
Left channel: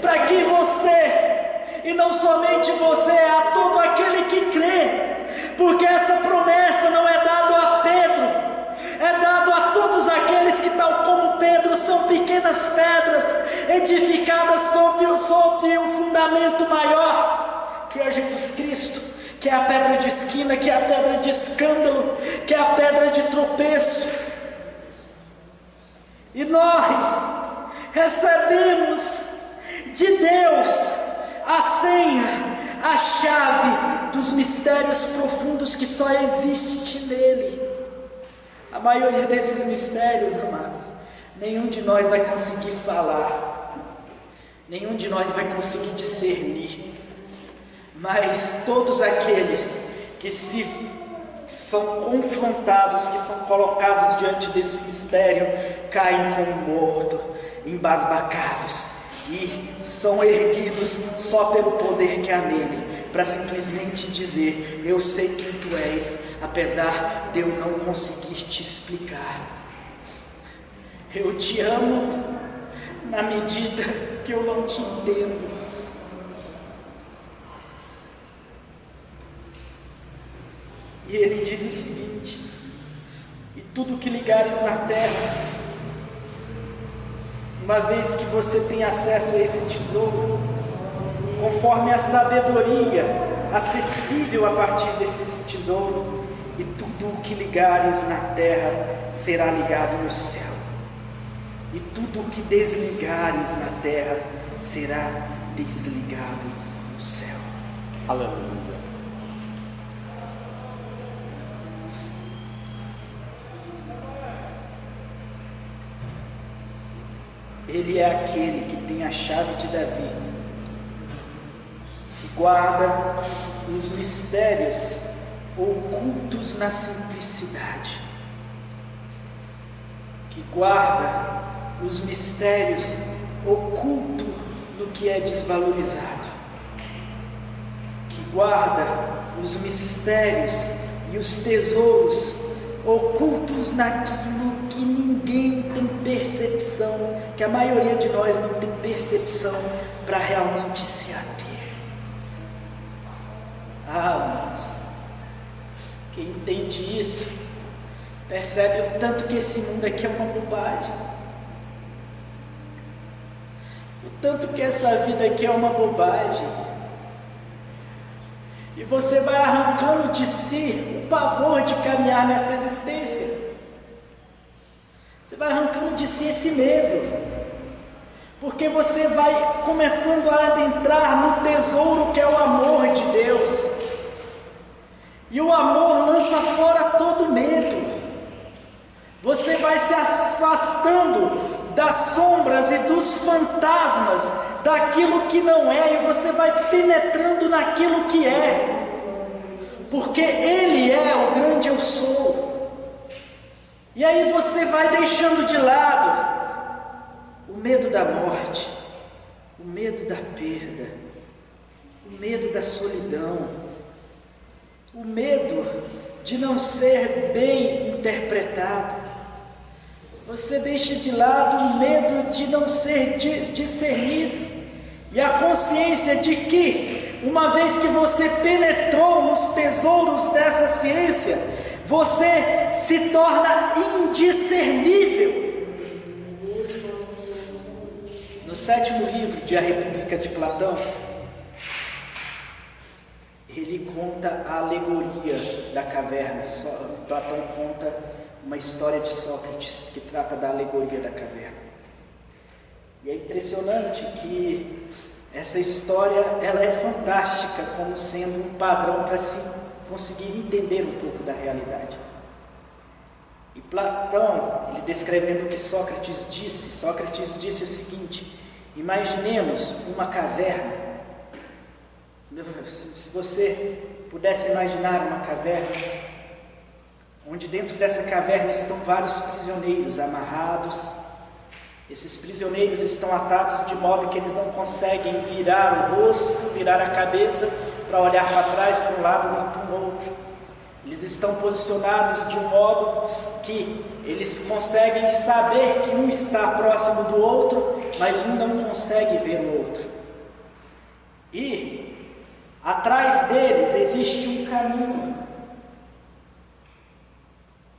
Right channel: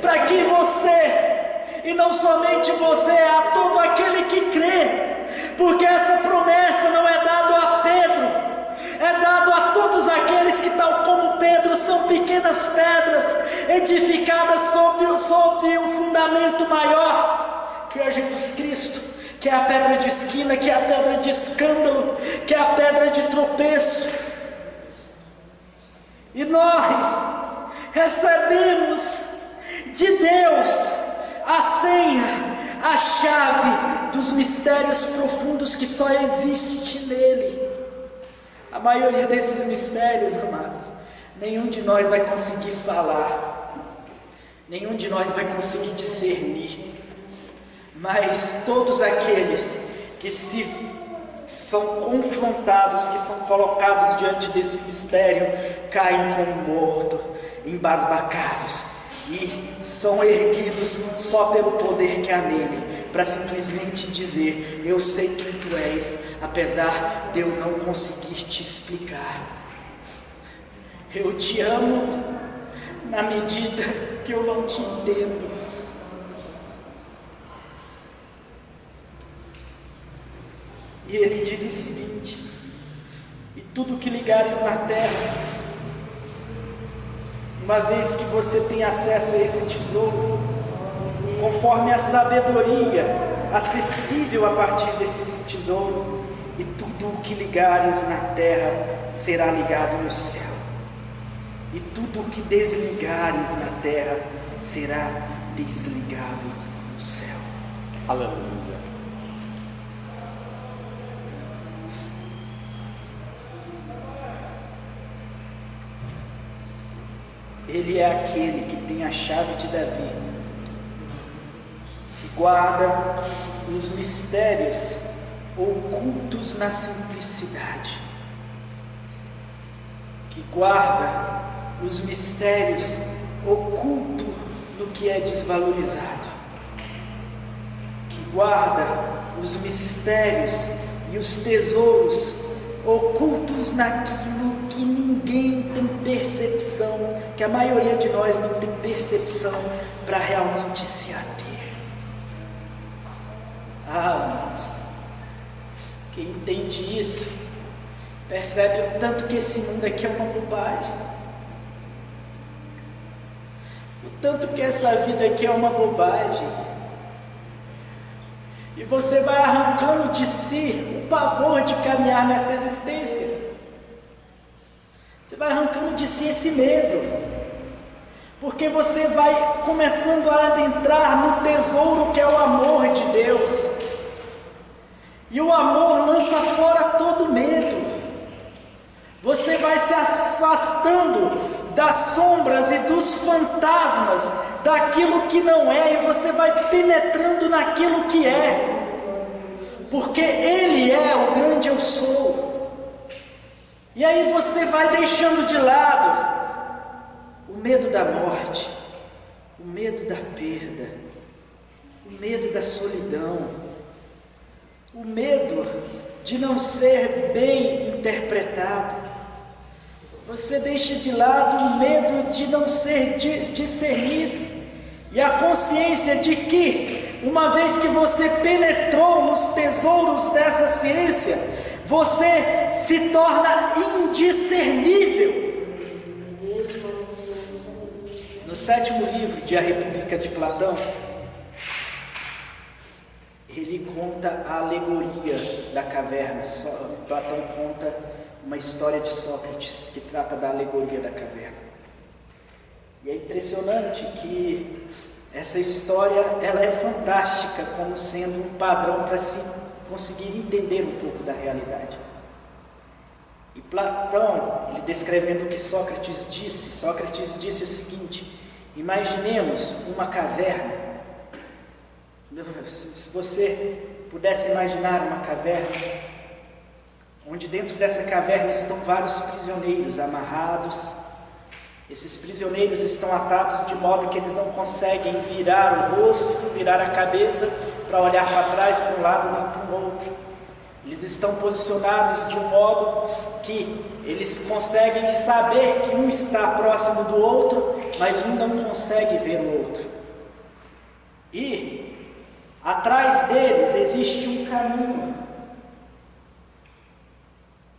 para que você, e não somente você, a todo aquele que crê, porque essa promessa não é dada a Pedro, é dado a todos aqueles que, tal como Pedro, são pequenas pedras edificadas sobre o fundamento maior, que é Jesus Cristo, que é a pedra de esquina, que é a pedra de escândalo, que é a pedra de tropeço. E nós recebemos de Deus a senha, a chave dos mistérios profundos que só existe nele. A maioria desses mistérios, amados, nenhum de nós vai conseguir falar, nenhum de nós vai conseguir discernir, mas todos aqueles que são confrontados, que são colocados diante desse mistério, caem como morto, embasbacados, e são erguidos só pelo poder que há nele, para simplesmente dizer: eu sei quem tu és, apesar de eu não conseguir te explicar. Eu te amo na medida que eu não te entendo. E ele diz o seguinte: e tudo que ligares na terra, uma vez que você tem acesso a esse tesouro, conforme a sabedoria acessível a partir desse tesouro, e tudo o que ligares na terra será ligado no céu, e tudo o que desligares na terra será desligado no céu. Aleluia. Ele é aquele que tem a chave de Davi, que guarda os mistérios ocultos na simplicidade, que guarda os mistérios ocultos no que é desvalorizado, que guarda os mistérios e os tesouros ocultos naquilo que ninguém tem percepção, que a maioria de nós não tem percepção para realmente se ater. Irmãos, quem entende isso, percebe o tanto que esse mundo aqui é uma bobagem, o tanto que essa vida aqui é uma bobagem, e você vai arrancando de si o pavor de caminhar nessa existência. Você vai arrancando de si esse medo, porque você vai começando a adentrar no tesouro que é o amor de Deus, e o amor lança fora todo medo. Você vai se afastando das sombras e dos fantasmas, daquilo que não é, e você vai penetrando naquilo que é, porque Ele é o grande eu sou. E aí você vai deixando de lado o medo da morte, o medo da perda, o medo da solidão, o medo de não ser bem interpretado. Você deixa de lado o medo de não ser discernido, e a consciência de que, uma vez que você penetrou nos tesouros dessa ciência, você se torna indiscernível. No 7º livro de A República de Platão, ele conta a alegoria da caverna. Platão conta uma história de Sócrates que trata da alegoria da caverna. E é impressionante que essa história ela é fantástica como sendo um padrão para se conseguir entender um pouco da realidade. E Platão, ele descrevendo o que Sócrates disse o seguinte: imaginemos uma caverna. Se você pudesse imaginar uma caverna, onde dentro dessa caverna estão vários prisioneiros amarrados. Esses prisioneiros estão atados de modo que eles não conseguem virar o rosto, virar a cabeça para olhar para trás, para um lado nem para o outro. Eles estão posicionados de um modo que eles conseguem saber que um está próximo do outro, mas um não consegue ver o outro. E atrás deles existe um caminho.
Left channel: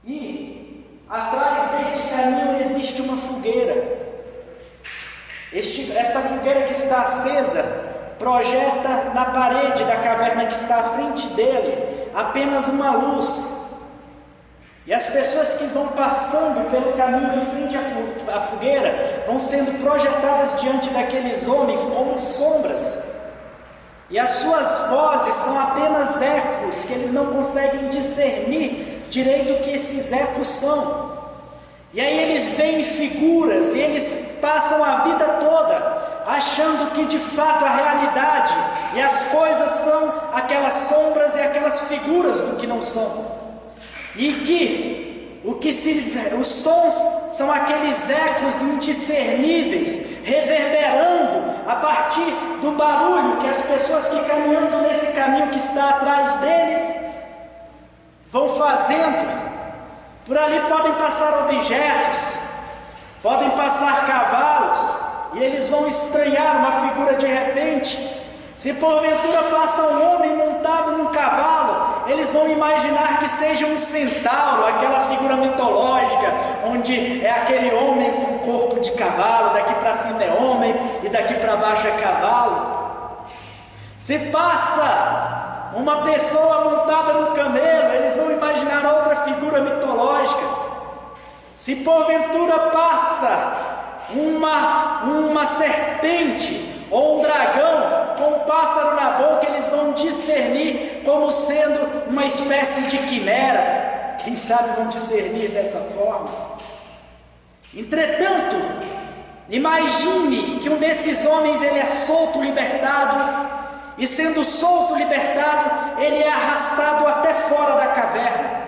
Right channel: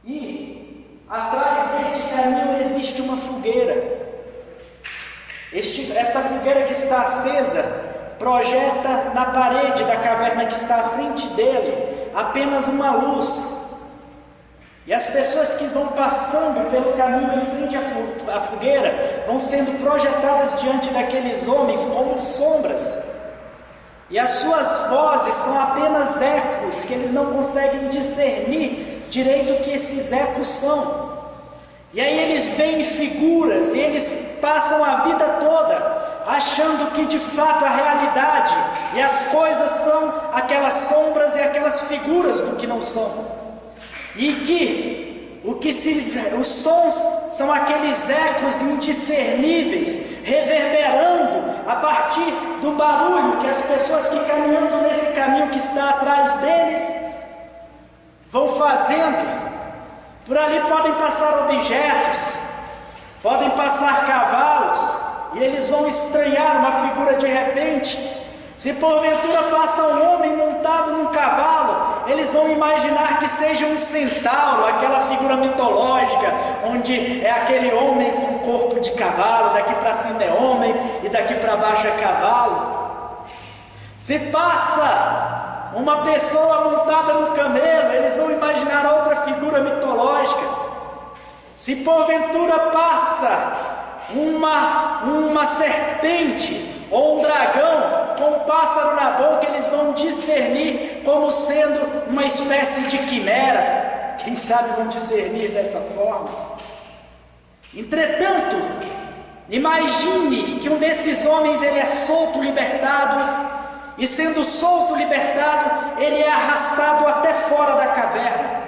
E atrás deste caminho existe uma fogueira. Esta fogueira que está acesa projeta na parede da caverna que está à frente dele apenas uma luz. E as pessoas que vão passando pelo caminho em frente à fogueira vão sendo projetadas diante daqueles homens como sombras. E as suas vozes são apenas ecos, que eles não conseguem discernir direito o que esses ecos são. E aí eles veem figuras e eles passam a vida toda achando que de fato a realidade e as coisas são aquelas sombras e aquelas figuras do que não são. E que os sons são aqueles ecos indiscerníveis, reverberando a partir do barulho que as pessoas que caminhando nesse caminho que está atrás deles vão fazendo. Por ali podem passar objetos, podem passar cavalos, e eles vão estranhar uma figura de repente. Se porventura passa um homem montado num cavalo, eles vão imaginar que seja um centauro, aquela figura mitológica, onde é aquele homem com corpo de cavalo, daqui para cima é homem e daqui para baixo é cavalo. Se passa uma pessoa montada no camelo, eles vão imaginar outra figura mitológica. Se porventura passa uma serpente ou um dragão com um pássaro na boca, eles vão discernir como sendo uma espécie de quimera. Quem sabe vão discernir dessa forma. Entretanto, imagine que um desses homens ele é solto, libertado, e sendo solto, libertado, ele é arrastado até fora da caverna.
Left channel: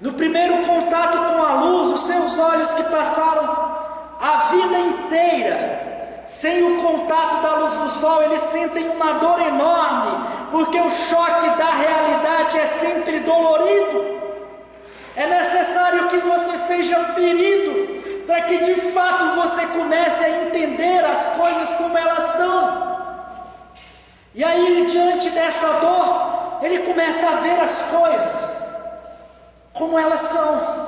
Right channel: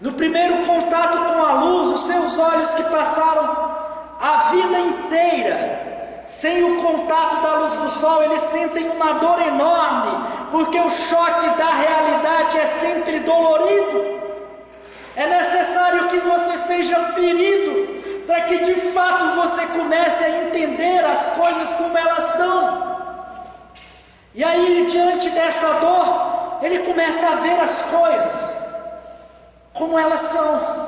No primeiro contato com a luz, os seus olhos que passaram a vida inteira sem o contato da luz do sol, eles sentem uma dor enorme, porque o choque da realidade é sempre dolorido. É necessário que você seja ferido para que de fato você comece a entender as coisas como elas são. E aí, diante dessa dor, ele começa a ver as coisas como elas são.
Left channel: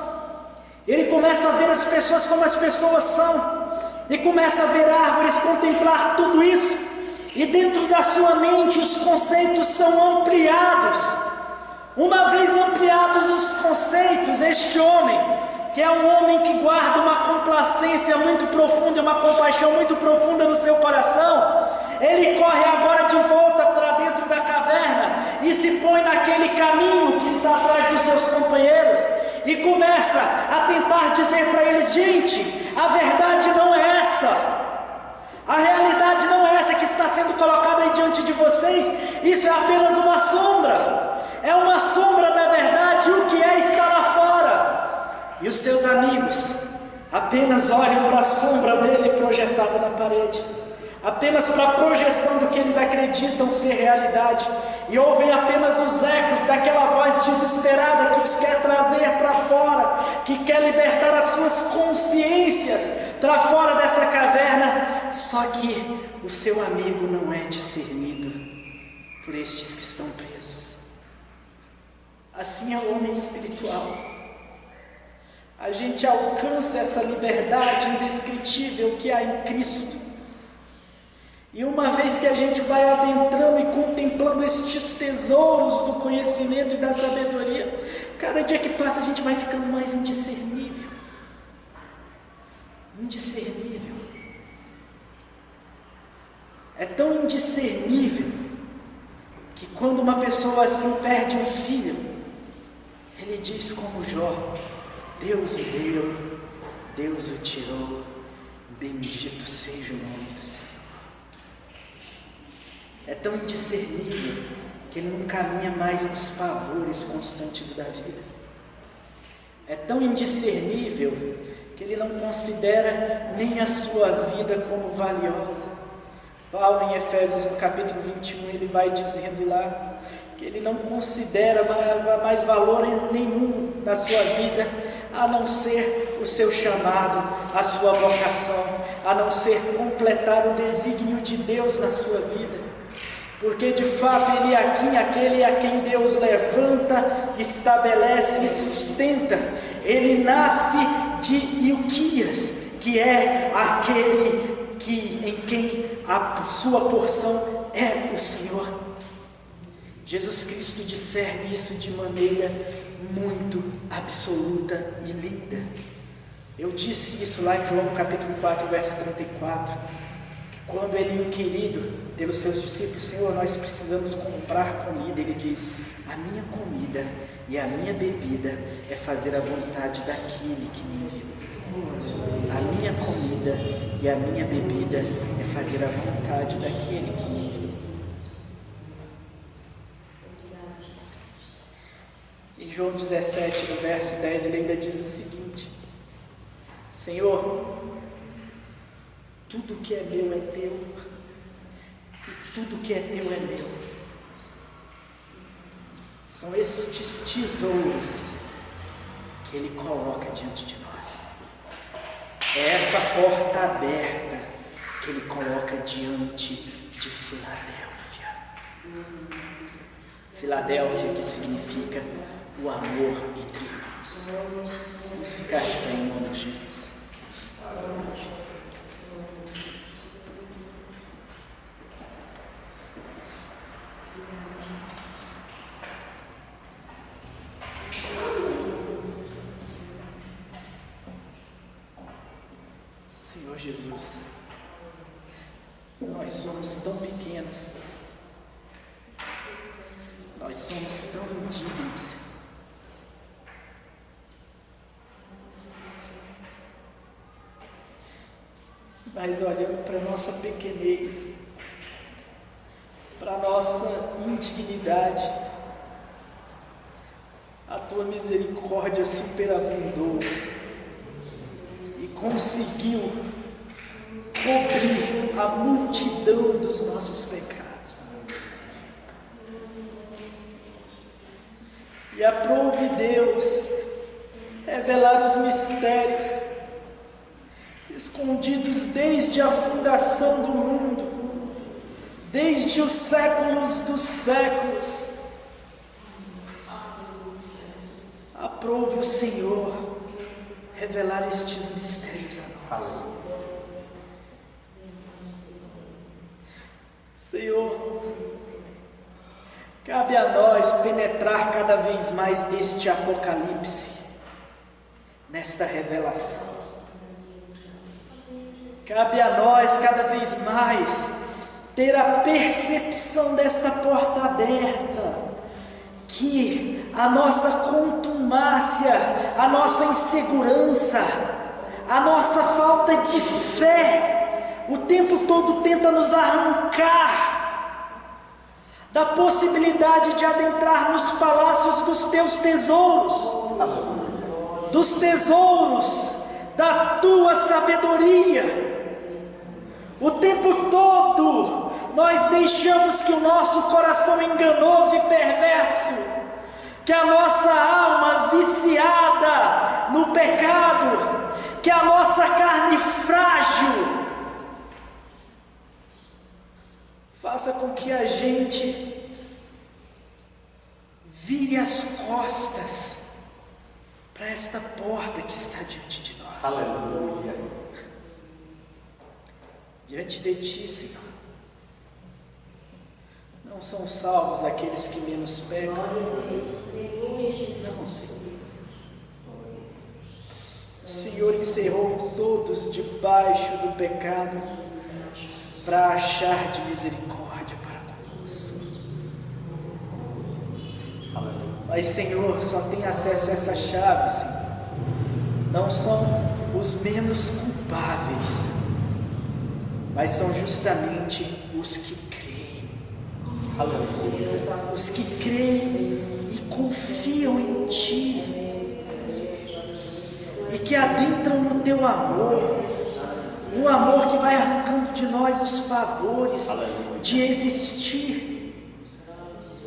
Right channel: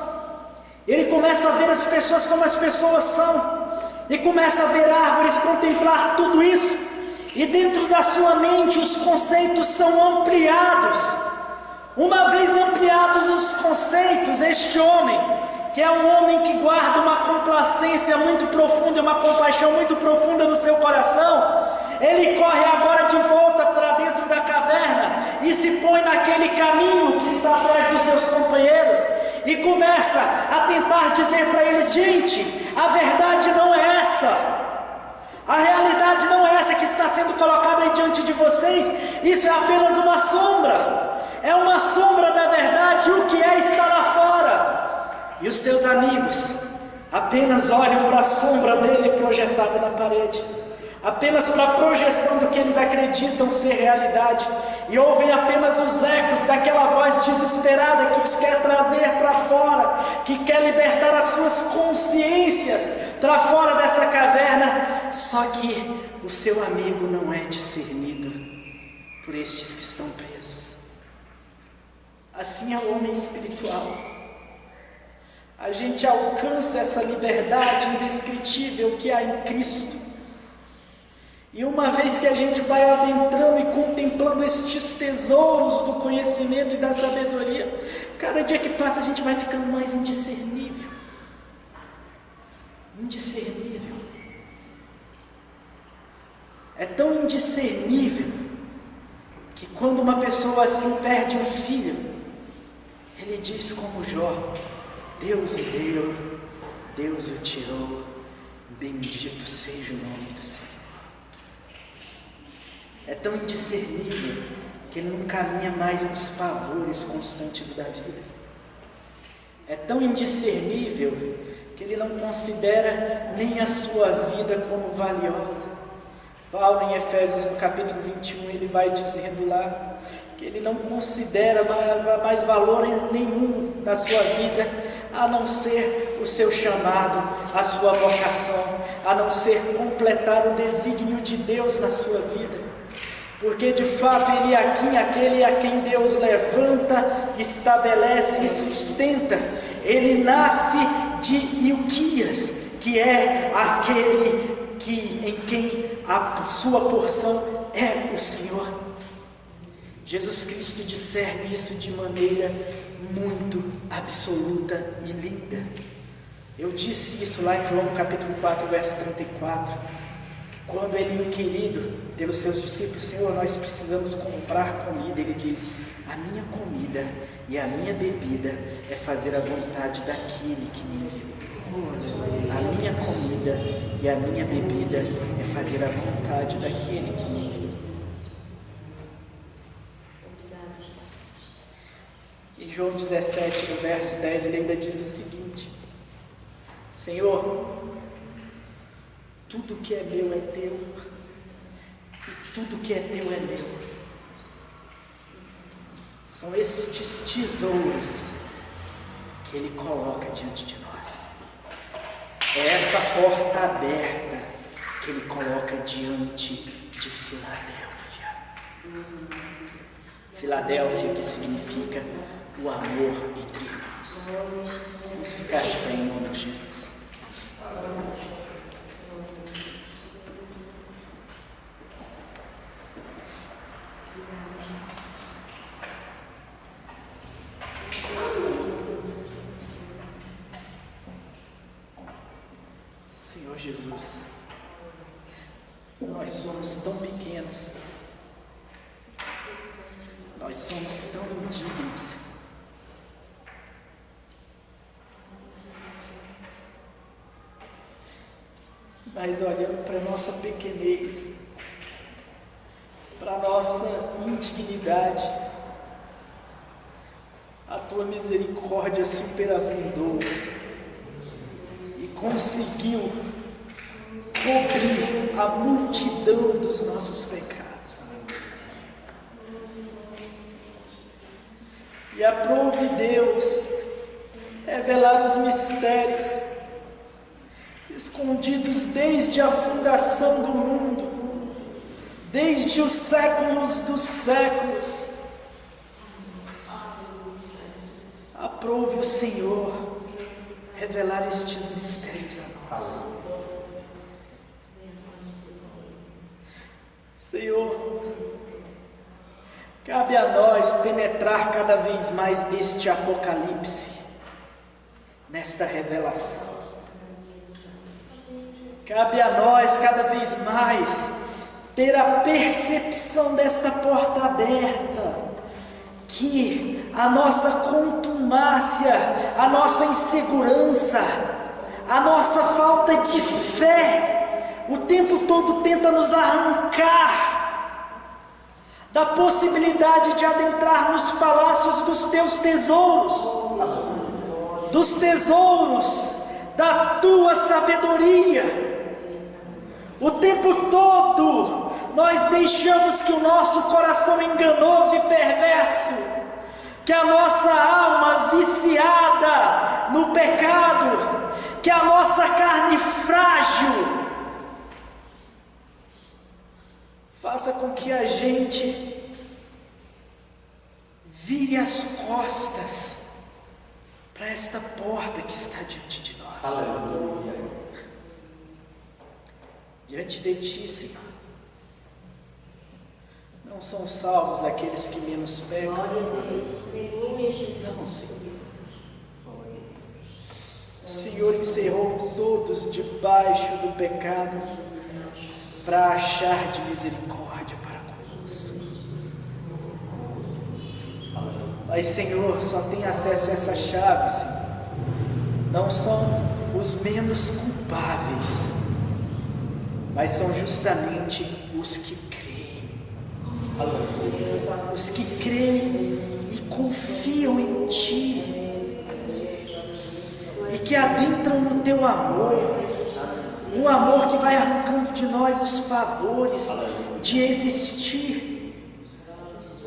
Ele começa a ver as pessoas como as pessoas são. E começa a ver árvores, contemplar tudo isso. E dentro da sua mente os conceitos são ampliados. Uma vez ampliados os conceitos, este homem, que é um homem que guarda uma complacência muito profunda, uma compaixão muito profunda no seu coração, ele corre agora de volta para dentro da caverna e se põe naquele caminho que está atrás dos seus companheiros e começa a tentar dizer para eles: gente, a verdade não é essa, a realidade não é essa que está sendo colocada aí diante de vocês, isso é apenas uma sombra, é uma sombra da verdade, o que é está lá fora. E os seus amigos apenas olham para a sombra dele projetada na parede, apenas para a projeção do que eles acreditam ser realidade, e ouvem apenas os ecos daquela voz desesperada que os quer trazer para fora, que quer libertar as suas consciências para fora dessa caverna. Só que o seu amigo não é discernido por estes que estão presos. Assim é o homem espiritual. A gente alcança essa liberdade indescritível que há em Cristo. E uma vez que a gente vai adentrando e contemplando estes tesouros do conhecimento e da sabedoria, cada dia que passa a gente vai ficando mais indiscernível. Indiscernível. É tão indiscernível que quando uma pessoa assim perde um filho, ele diz como Jó: Deus o deu, Deus o tirou, bendito seja o nome do Senhor. É tão indiscernível que ele não caminha mais nos pavores constantes da vida. É tão indiscernível que ele não considera nem a sua vida como valiosa. Paulo, em Efésios, no capítulo 21, ele vai dizendo lá que ele não considera mais valor nenhum na sua vida, a não ser o seu chamado, a sua vocação, a não ser completar o desígnio de Deus na sua vida. Porque de fato ele é aquele a quem Deus levanta, estabelece e sustenta. Ele nasce de Ilquias, que é aquele em quem a sua porção é o Senhor. Jesus Cristo discerne isso de maneira muito absoluta e linda. Eu disse isso lá em João capítulo 4, verso 34, que quando ele, inquirido pelos seus discípulos: Senhor, nós precisamos comprar comida, ele diz: a minha comida e a minha bebida é fazer a vontade daquele que me enviou. A minha comida e a minha bebida é fazer a vontade daquele que me enviou. Em João 17, no verso 10, ele ainda diz o seguinte: Senhor, tudo que é meu é teu, e tudo que é teu é meu. São estes tesouros que ele coloca diante de nós. É essa porta aberta que ele coloca diante de Filadélfia. Filadélfia, que significa o amor entre irmãos. Vamos ficar de pé em nome de Jesus. Jesus, nós somos tão pequenos, nós somos tão indignos, mas olhando para a nossa pequenez, para a nossa indignidade, a tua misericórdia superabundou e conseguiu cobrir a multidão dos nossos pecados. E aprove Deus revelar os mistérios escondidos desde a fundação do mundo, desde os séculos dos séculos. Aprove o Senhor revelar estes mistérios a nós. Senhor, cabe a nós penetrar cada vez mais neste Apocalipse, nesta revelação. Cabe a nós cada vez mais ter a percepção desta porta aberta, que a nossa contumácia, a nossa insegurança, a nossa falta de fé, o tempo todo tenta nos arrancar da possibilidade de adentrar nos palácios dos teus tesouros, dos tesouros da tua sabedoria. O tempo todo nós deixamos que o nosso coração enganoso e perverso, que a nossa alma viciada no pecado, que a nossa carne frágil, faça com que a gente vire as costas para esta porta que está diante de nós. Aleluia. Diante de ti, Senhor, não são salvos aqueles que menos pecam. Não, Senhor. O Senhor encerrou todos debaixo do pecado para achar de misericórdia para conosco. Mas, Senhor, só tem acesso a essa chave, Senhor. Não são os menos culpáveis, mas são justamente os que creem. Os que creem e confiam em Ti, e que adentram no Teu amor, um amor que vai arrancando de nós os pavores de existir,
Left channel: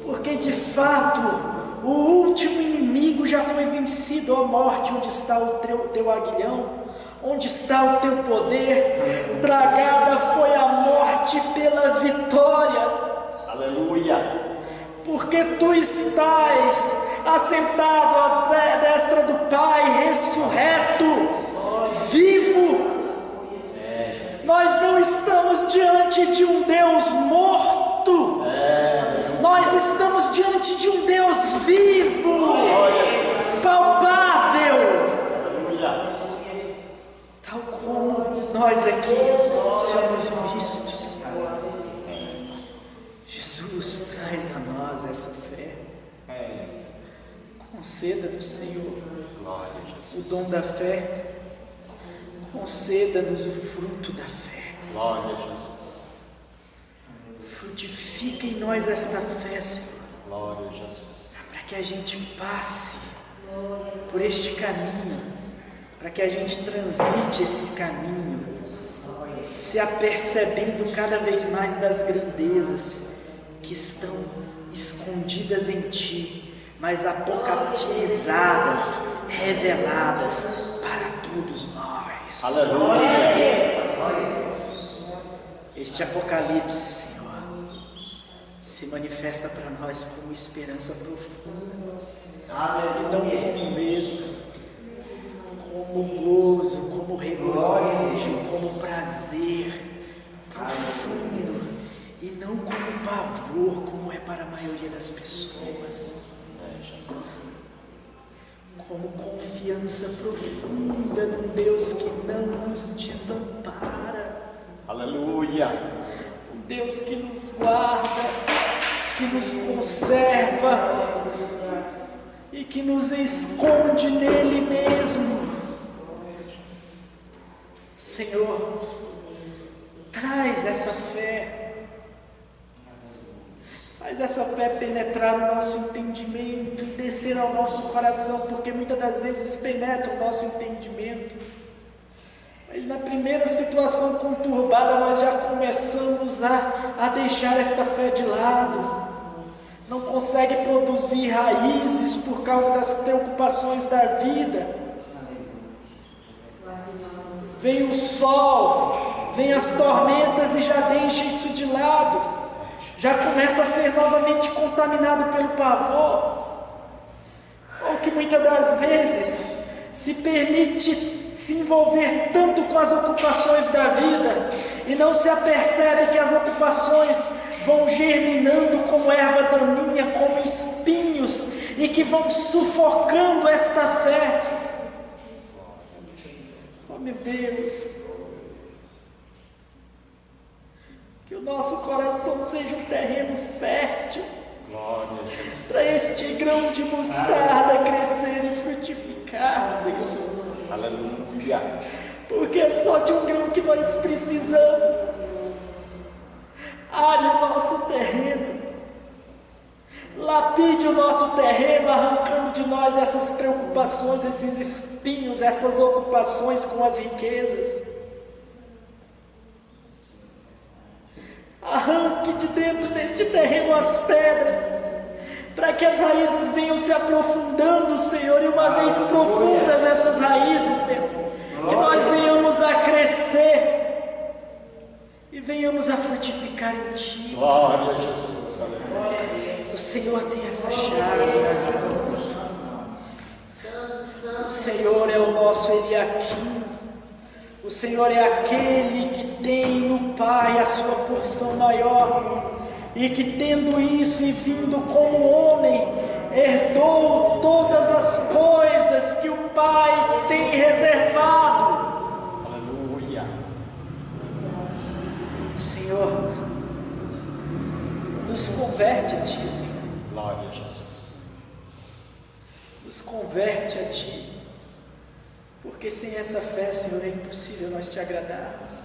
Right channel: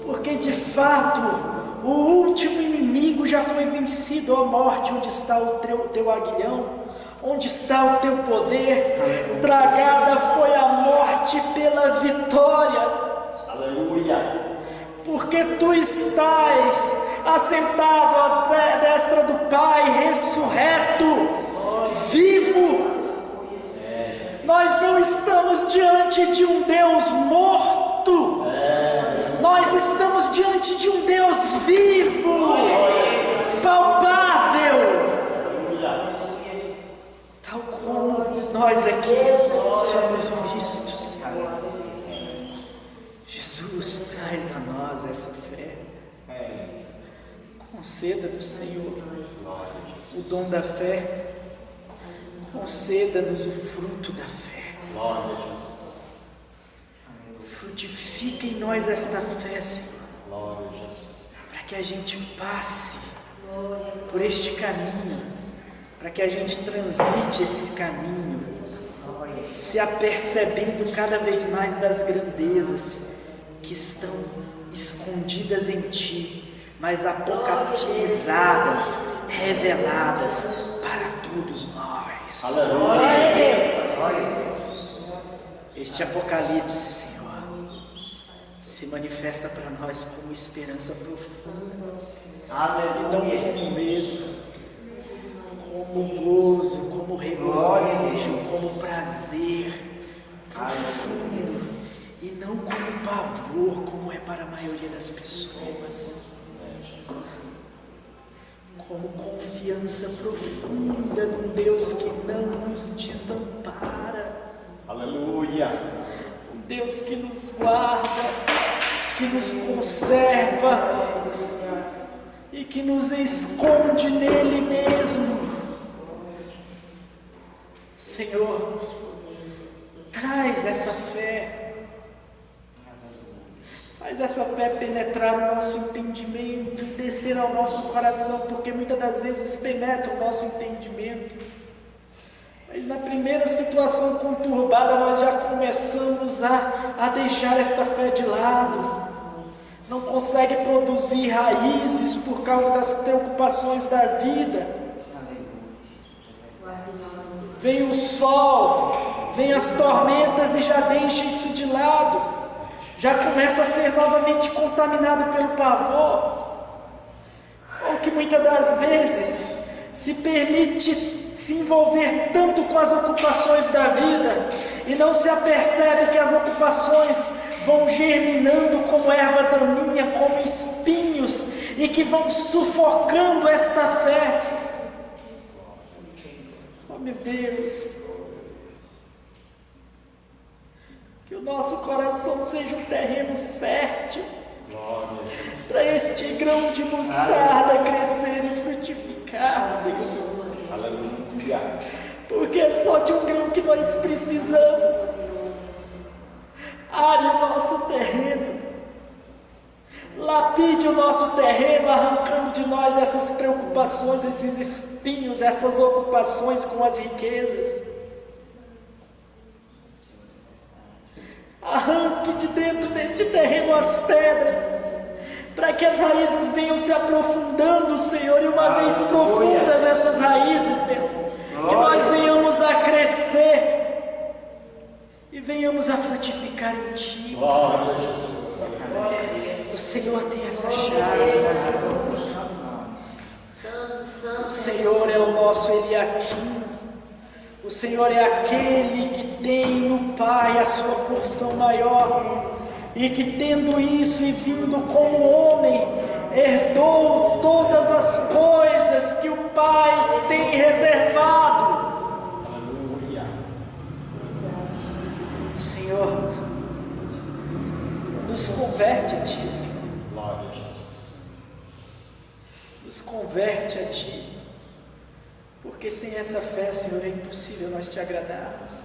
porque de fato o último inimigo já foi vencido. Ó morte, onde está o teu aguilhão? Onde está o teu poder? Tragada foi a morte pela vitória. Aleluia. Porque tu estás assentado à destra do Pai, ressurreto, vivo. Nós não estamos diante de um Deus morto. Nós estamos diante de um Deus vivo, palpável. Tal como nós aqui somos vistos. Jesus traz a nós essa fé. Conceda-nos, Senhor, o dom da fé. Conceda-nos o fruto da fé. Frutifica em nós esta fé, Senhor, para que a gente passe por este caminho, para que a gente transite esse caminho, se apercebendo cada vez mais das grandezas que estão escondidas em Ti, mas apocatizadas, reveladas para todos nós. Aleluia. Este Apocalipse, Senhor, se manifesta para nós como esperança profunda, e não como medo, como gozo, como regozijo, como prazer profundo, e não como pavor, como é para a maioria das pessoas. como confiança profunda num Deus que não nos desampara. Aleluia. Um Deus que nos guarda, que nos conserva e que nos esconde nele mesmo. Senhor, traz essa fé. Faz essa fé penetrar o nosso entendimento e descer ao nosso coração, porque muitas das vezes penetra o nosso entendimento. Mas na primeira situação conturbada nós já começamos a deixar esta fé de lado. Não consegue produzir raízes por causa das preocupações da vida. Vem o sol, vem as tormentas e já deixa isso de lado. Já começa a ser novamente contaminado pelo pavor, ou que muitas das vezes se permite se envolver tanto com as ocupações da vida e não se apercebe que as ocupações vão germinando como erva daninha, como espinhos, e que vão sufocando esta fé. Oh meu Deus! Que o nosso coração seja um terreno fértil para este grão de mostarda crescer e frutificar, Senhor. Aleluia. Porque é só de um grão que nós precisamos. Are o nosso terreno, lapide o nosso terreno, arrancando de nós essas preocupações, esses espinhos, essas ocupações com as riquezas. Arranque de dentro deste terreno as pedras, para que as raízes venham se aprofundando, Senhor, e uma vez profundas essas raízes, Deus, que nós venhamos a crescer e venhamos a frutificar em Ti. Glória a Jesus. O Senhor tem essa chave nas mãos. O Senhor é o nosso Eliaquim. O Senhor é aquele que tem no Pai a sua porção maior, e que tendo isso e vindo como homem, herdou todas as coisas que o Pai tem reservado. Aleluia. Senhor, nos converte a Ti, Senhor. Glória a Jesus. Nos converte a Ti. Porque sem essa fé, Senhor, é impossível nós Te agradarmos.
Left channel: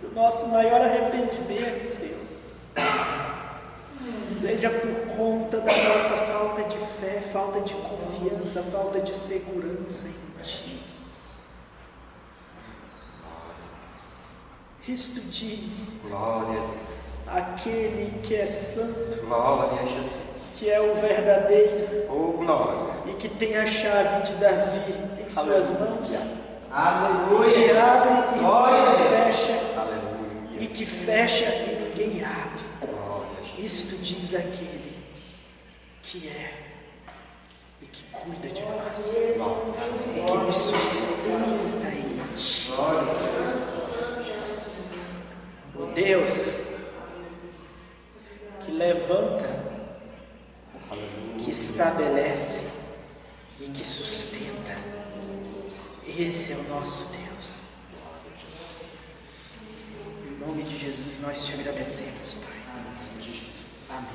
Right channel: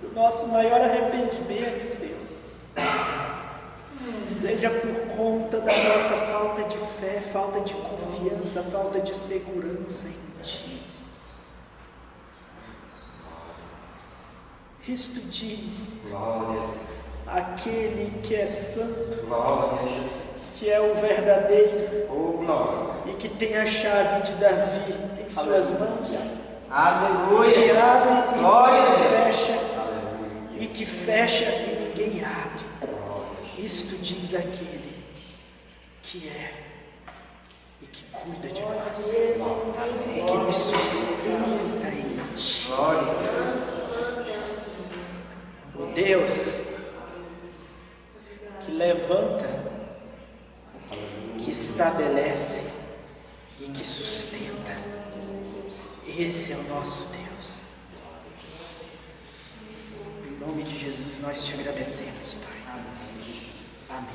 Que o nosso maior arrependimento, Senhor, seja por conta da nossa falta de fé, falta de confiança, falta de segurança em Ti. Cristo diz: Glória aquele que é santo, a Jesus. que é o verdadeiro, Oh, glória. e que tem a chave de Davi em suas mãos, Aleluia. que abre e Glória. fecha, Aleluia. e que fecha e ninguém abre. Glória a Jesus. Isto diz aquele que é e que cuida de nós, e que nos sustenta em Ti. Glória. O Deus que levanta, que estabelece e que sustenta. Esse é o nosso Deus. Em nome de Jesus nós Te agradecemos, Pai. Amém.